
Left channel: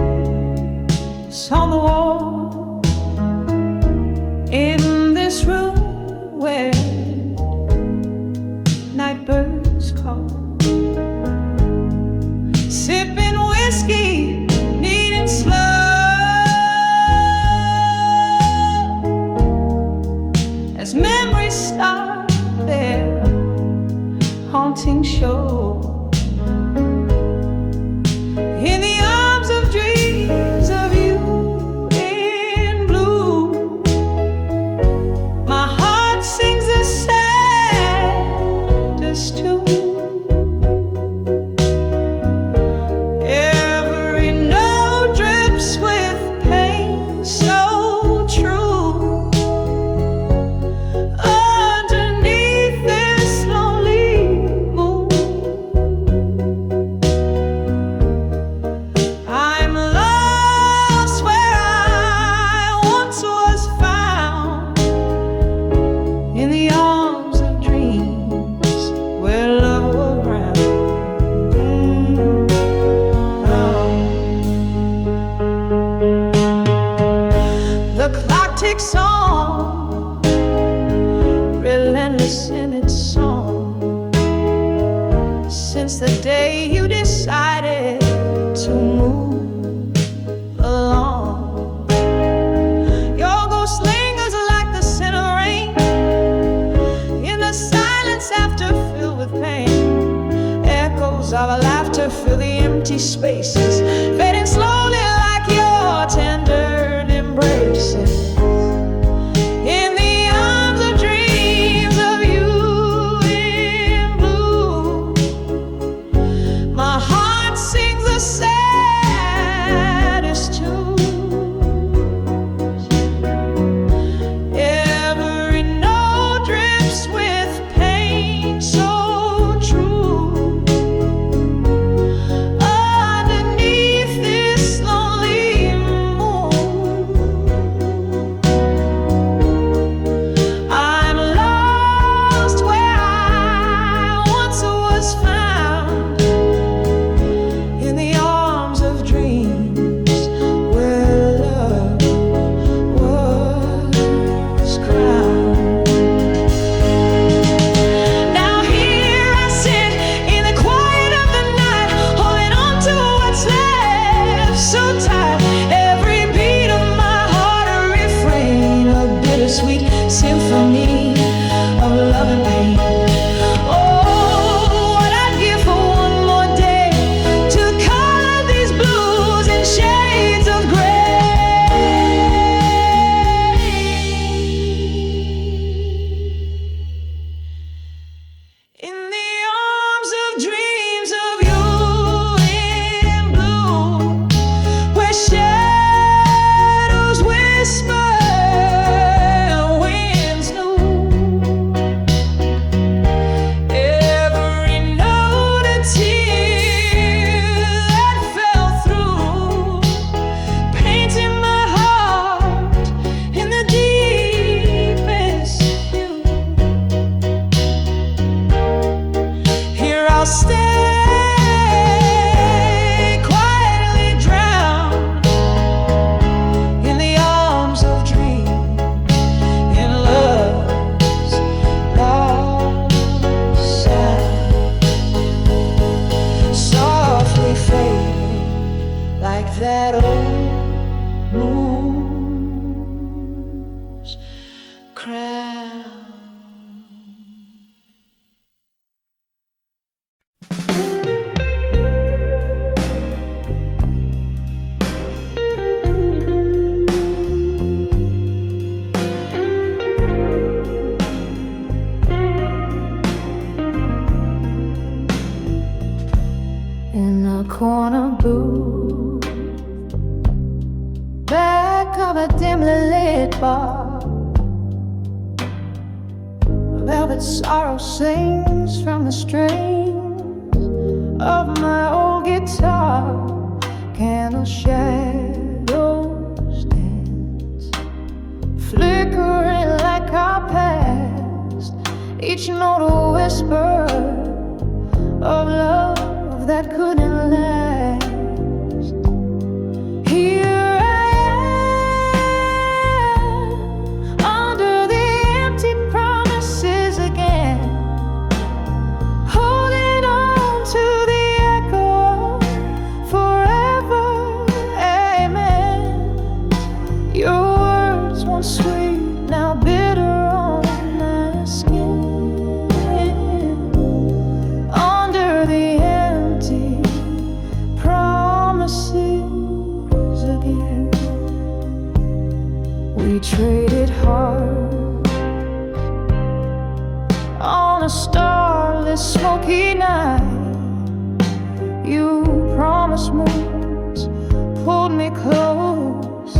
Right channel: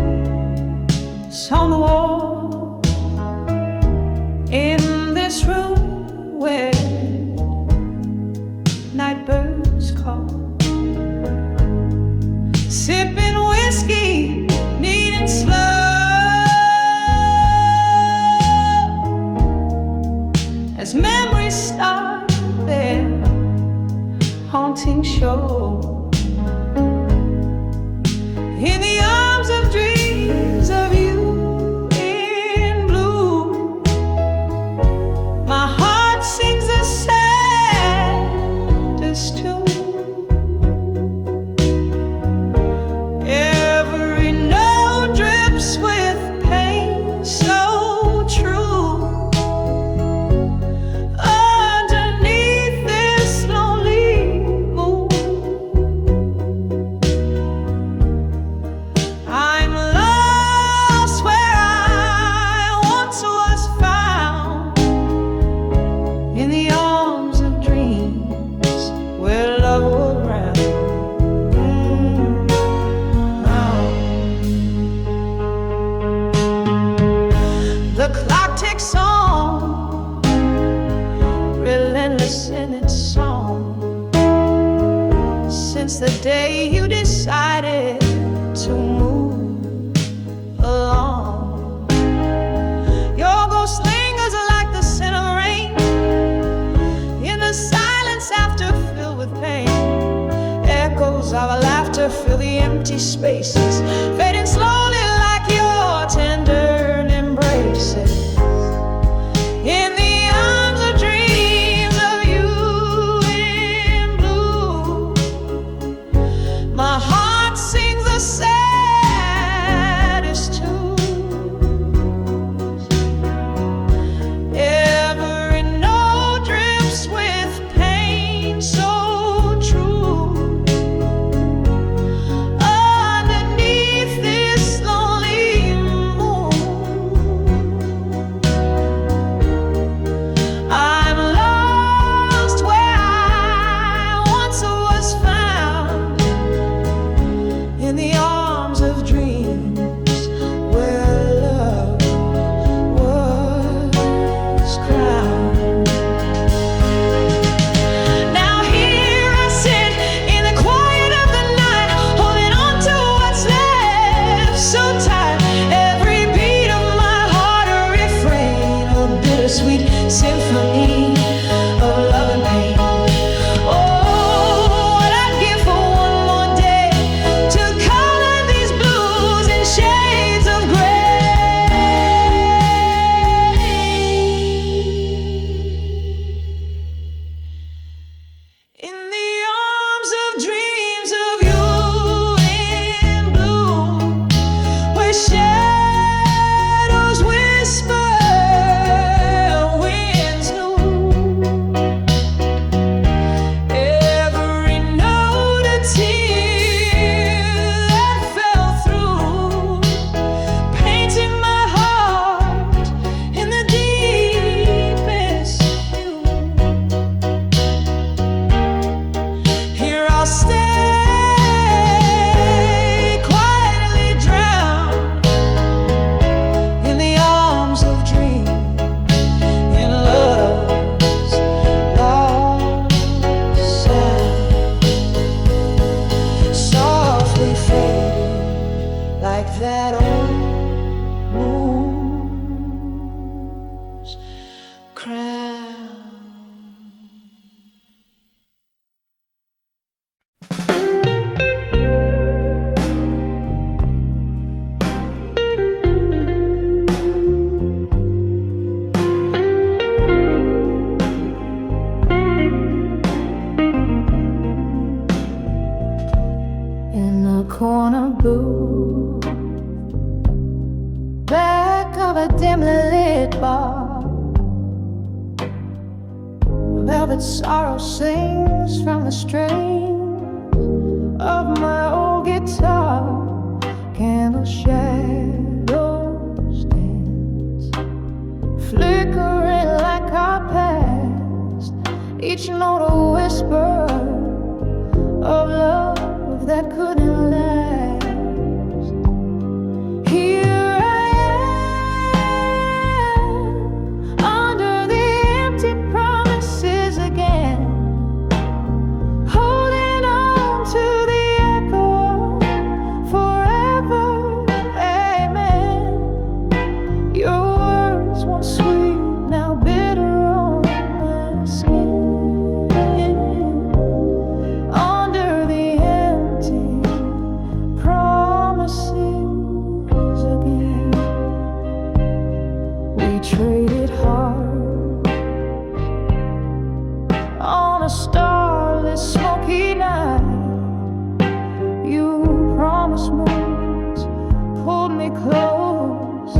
on the wall in this room where night birds call. Sipping whiskey, needing slow, as memories start their haunting show. In the arms of dreams of you in blue, my heart sings a saddest tune. Every note drips with pain so true. Underneath this lonely moon, I'm lost where I once was found, in the arms of dreams where love will ground. The clock ticks on, relentless in its song, since the day you decided to move along. Your ghost lingers like the scent of rain in the silence after filled with pain. Echoes of our laughter fill the empty spaces, fading slowly like your tender embraces. in the arms of dreams of you in blue. My heart sings the saddest tunes. Every note drips with pain so true. Underneath this lonely moon, I'm lost where I once was found, in the arms of dreams where love was crowned. Now here I sit in the quiet of the night, holding on to what's left so tight. Every beat of my heart a refrain, a bittersweet symphony of love and pain. Oh, what I'd give for one more day to color these blues in shades of gray. In the arms of dreams of you in blue, where shadows whisper, winds new. Every note a tear that fell through, painting my heart in the deepest hue. Here I'll stay, quietly drowned in the arms of dreams, in love's lost sound, softly fading like that old moon's crown. In a corner booth, back of a dimly lit bar, velvet sorrow sings from the strings of my old guitar. Candle shadows dance, flickering like our past, each note a whisper of love that couldn't last. Here I am, under the empty promises again, holding on to the echo of forever, amen. Your words once sweet, now bitter on my skin. Under the empty promises again, we traded hearts on a starless, smoky night. You promised moons, pulled me close,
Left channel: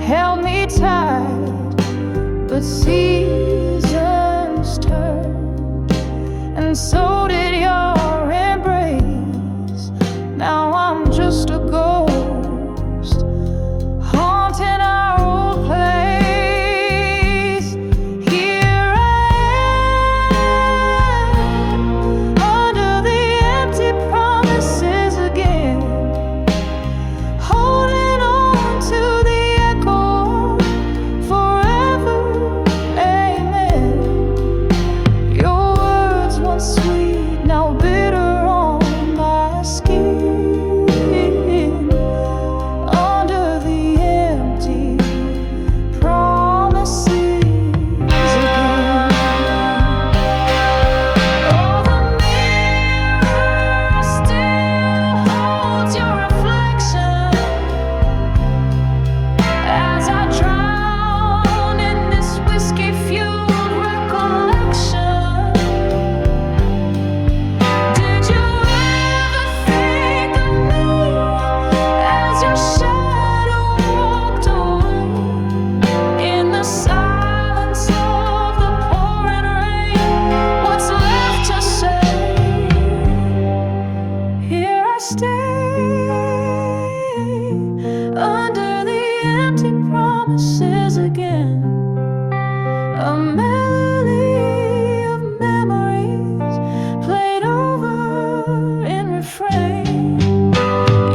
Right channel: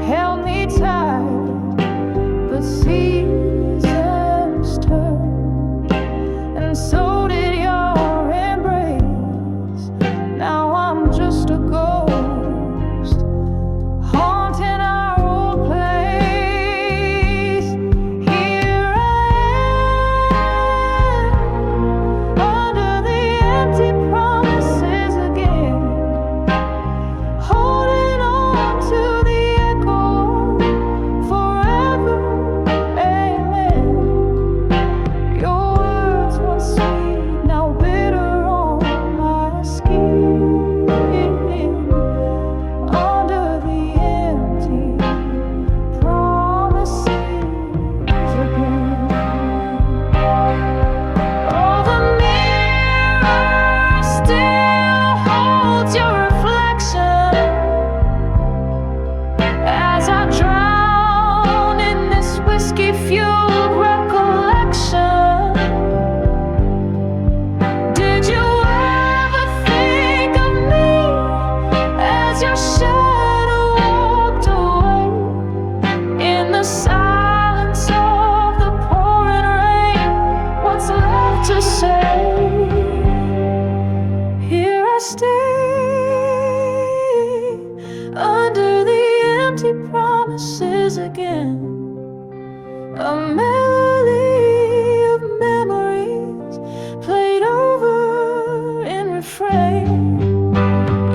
held me tight, but seasons turned, and so did your embrace. Now I'm just a ghost, haunting our old place. Here I am, under the empty promises again, holding on to the echo of forever, amen. Your words once sweet, now bitter on my skin. Under the empty promises again. Oh, the mirror still holds your reflection as I drown in I stay under the empty promises again. A melody of memories played over in refrain.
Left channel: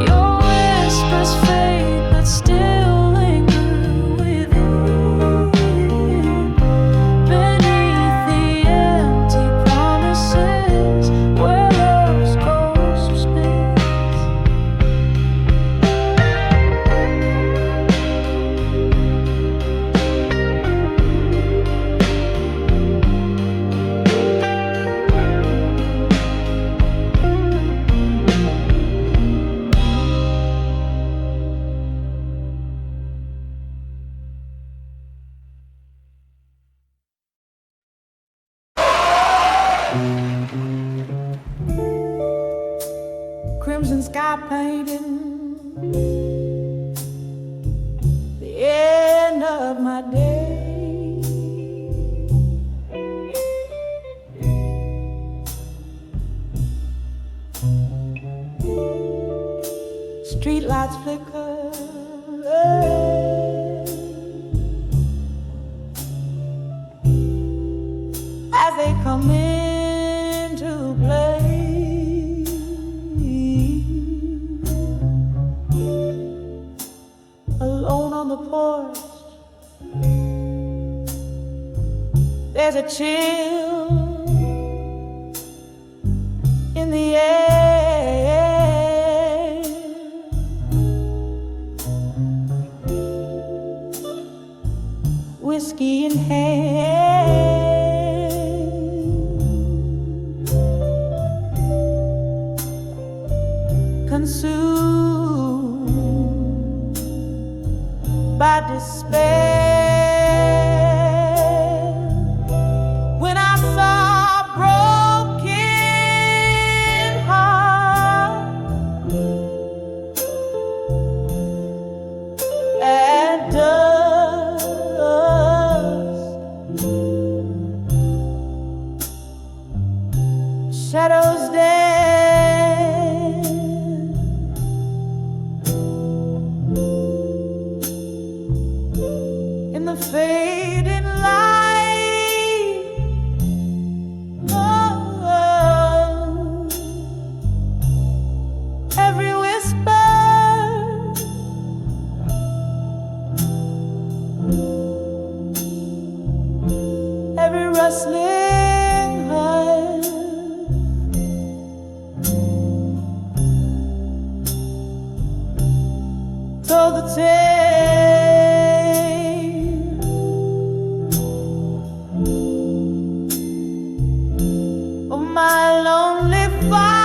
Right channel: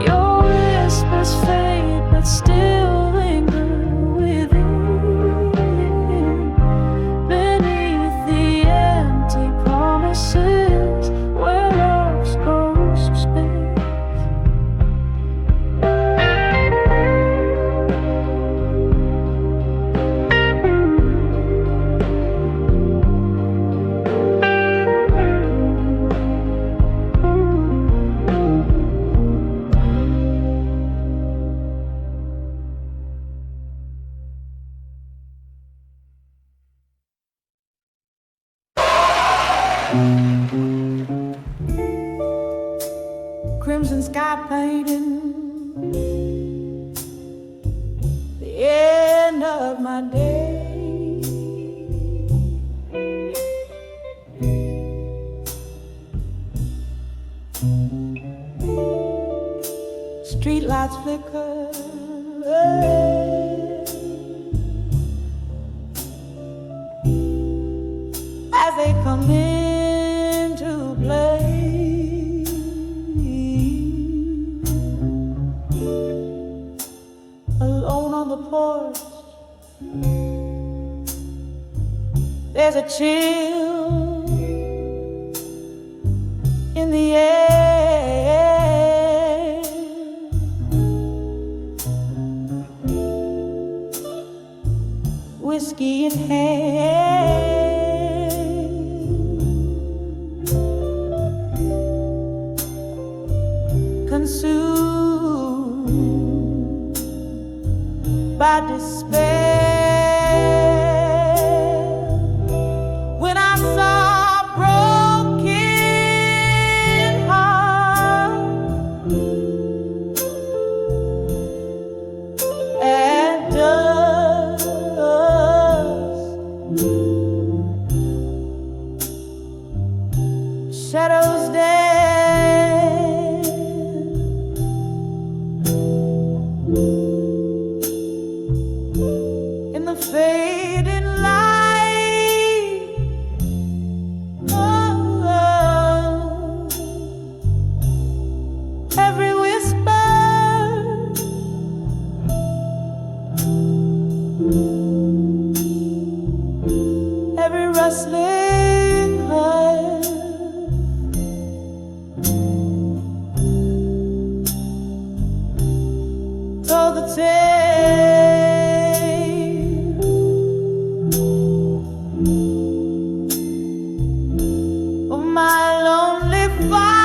Your whispers fade but still linger within, beneath the empty promises where love's ghost spins. Crimson sky painting the end of my day. Street lights flicker as they come into play. Alone on the porch, there's a chill in the air. Whiskey in hand, consumed by despair. When I saw a broken heart at dusk, shadows dance in the fading light. Oh, every whisper, every rustling hush told the tale of my lonely fight.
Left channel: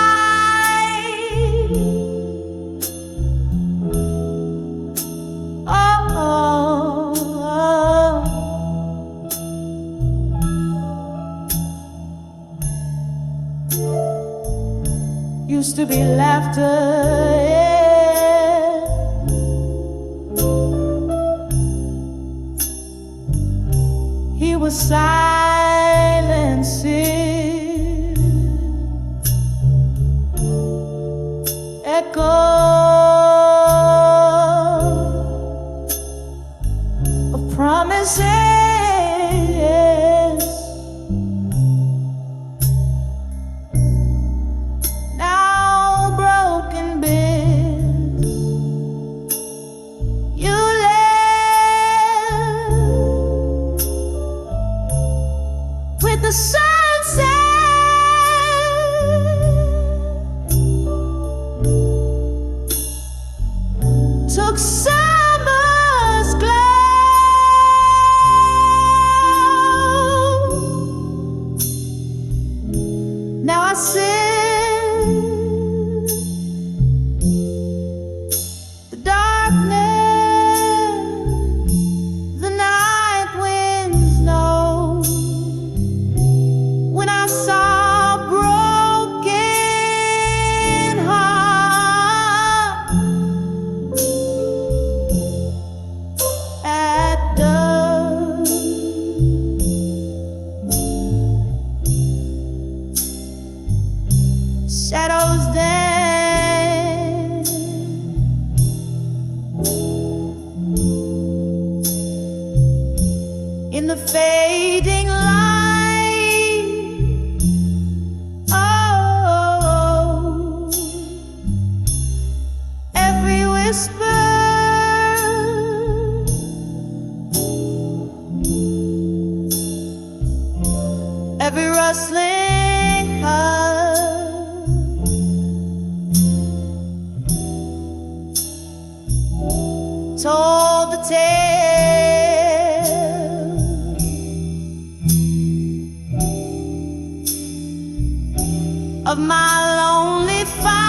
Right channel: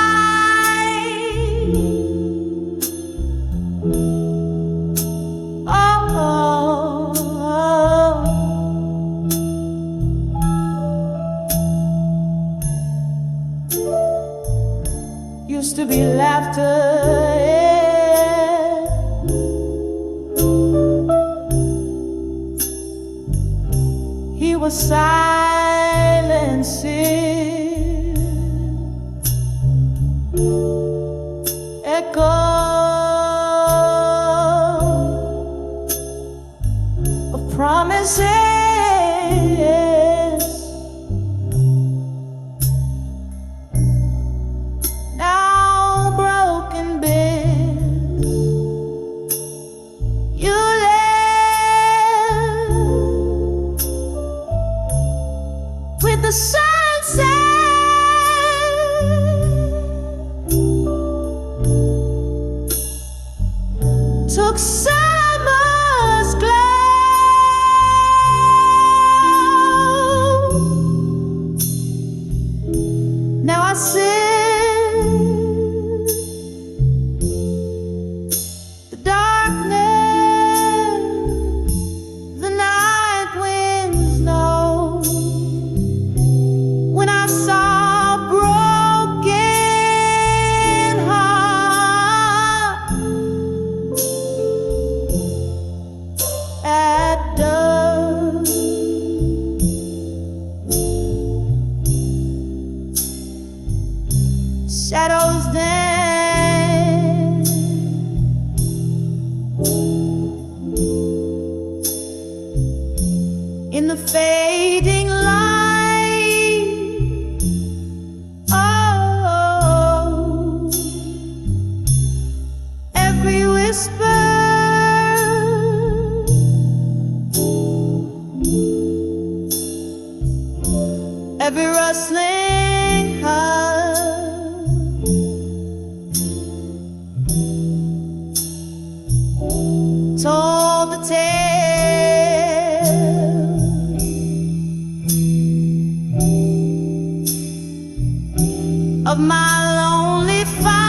Oh, used to be laughter, yeah. He was silencing echo of promises. Now broken bits you left with the sunset. Took summer's glow. Now I sit the darkness, the night winds know. When I saw a broken heart whisper, every rustling heart told the tale of my lonely fight.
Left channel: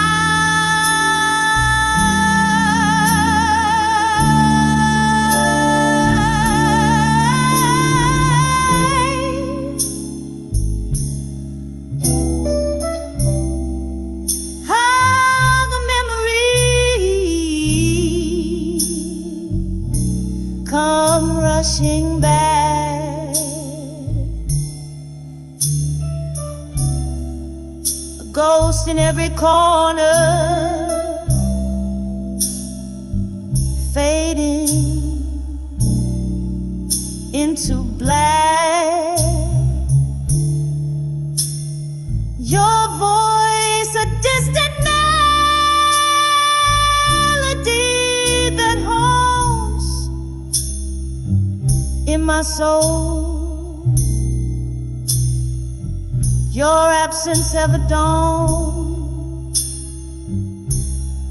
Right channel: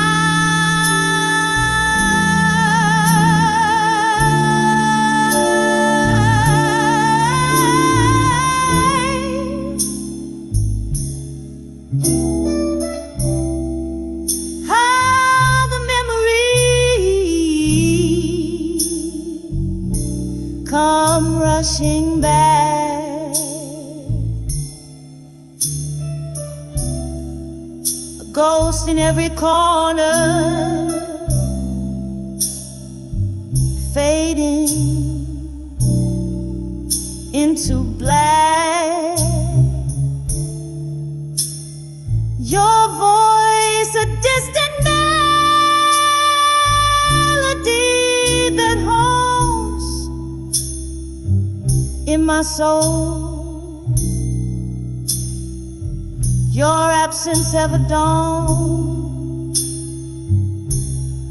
How the memories come rushing back, a ghost in every corner, fading into black. Your voice, a distant melody that haunts in my soul. Your absence ever dawned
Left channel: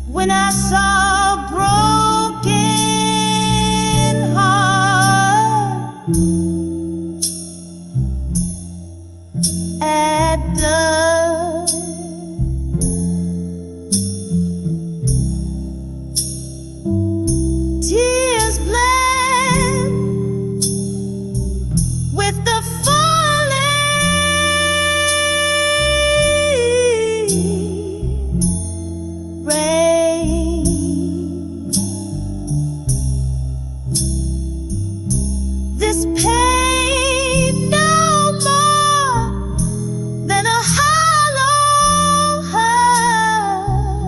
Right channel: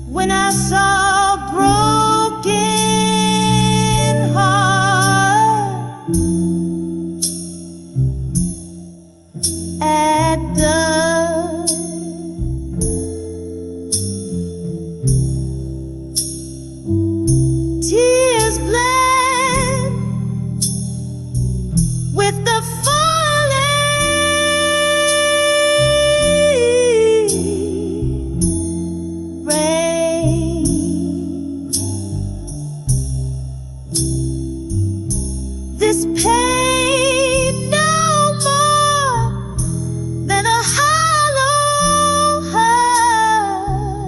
when I saw a broken heart at dusk. Tears blend with the falling rain. This pain no more than a hollow heart.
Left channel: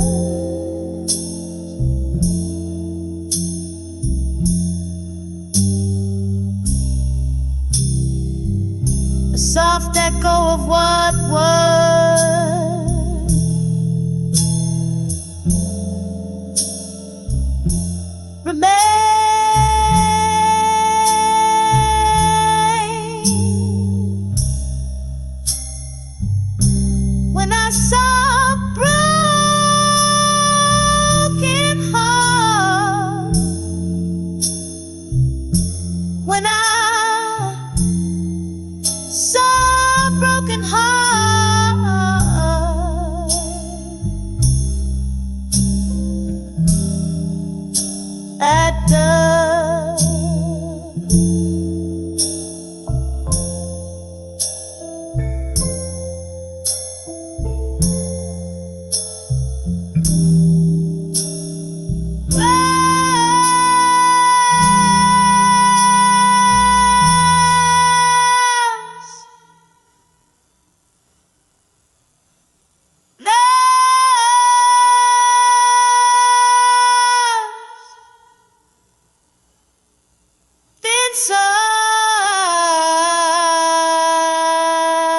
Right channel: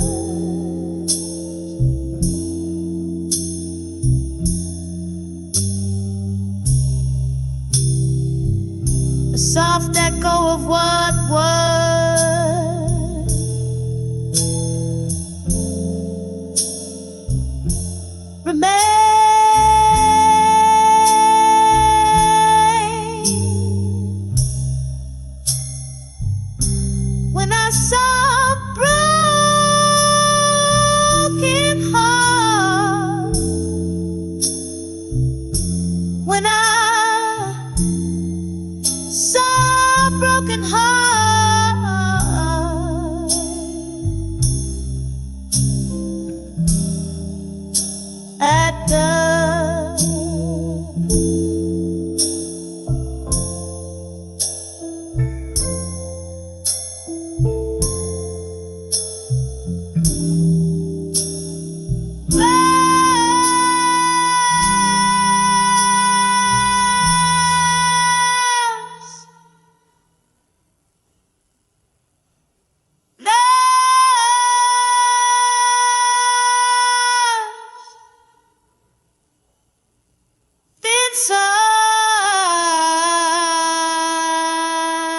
A soft echo of what was, remain when I saw a broken heart, when I saw a broken heart at dusk.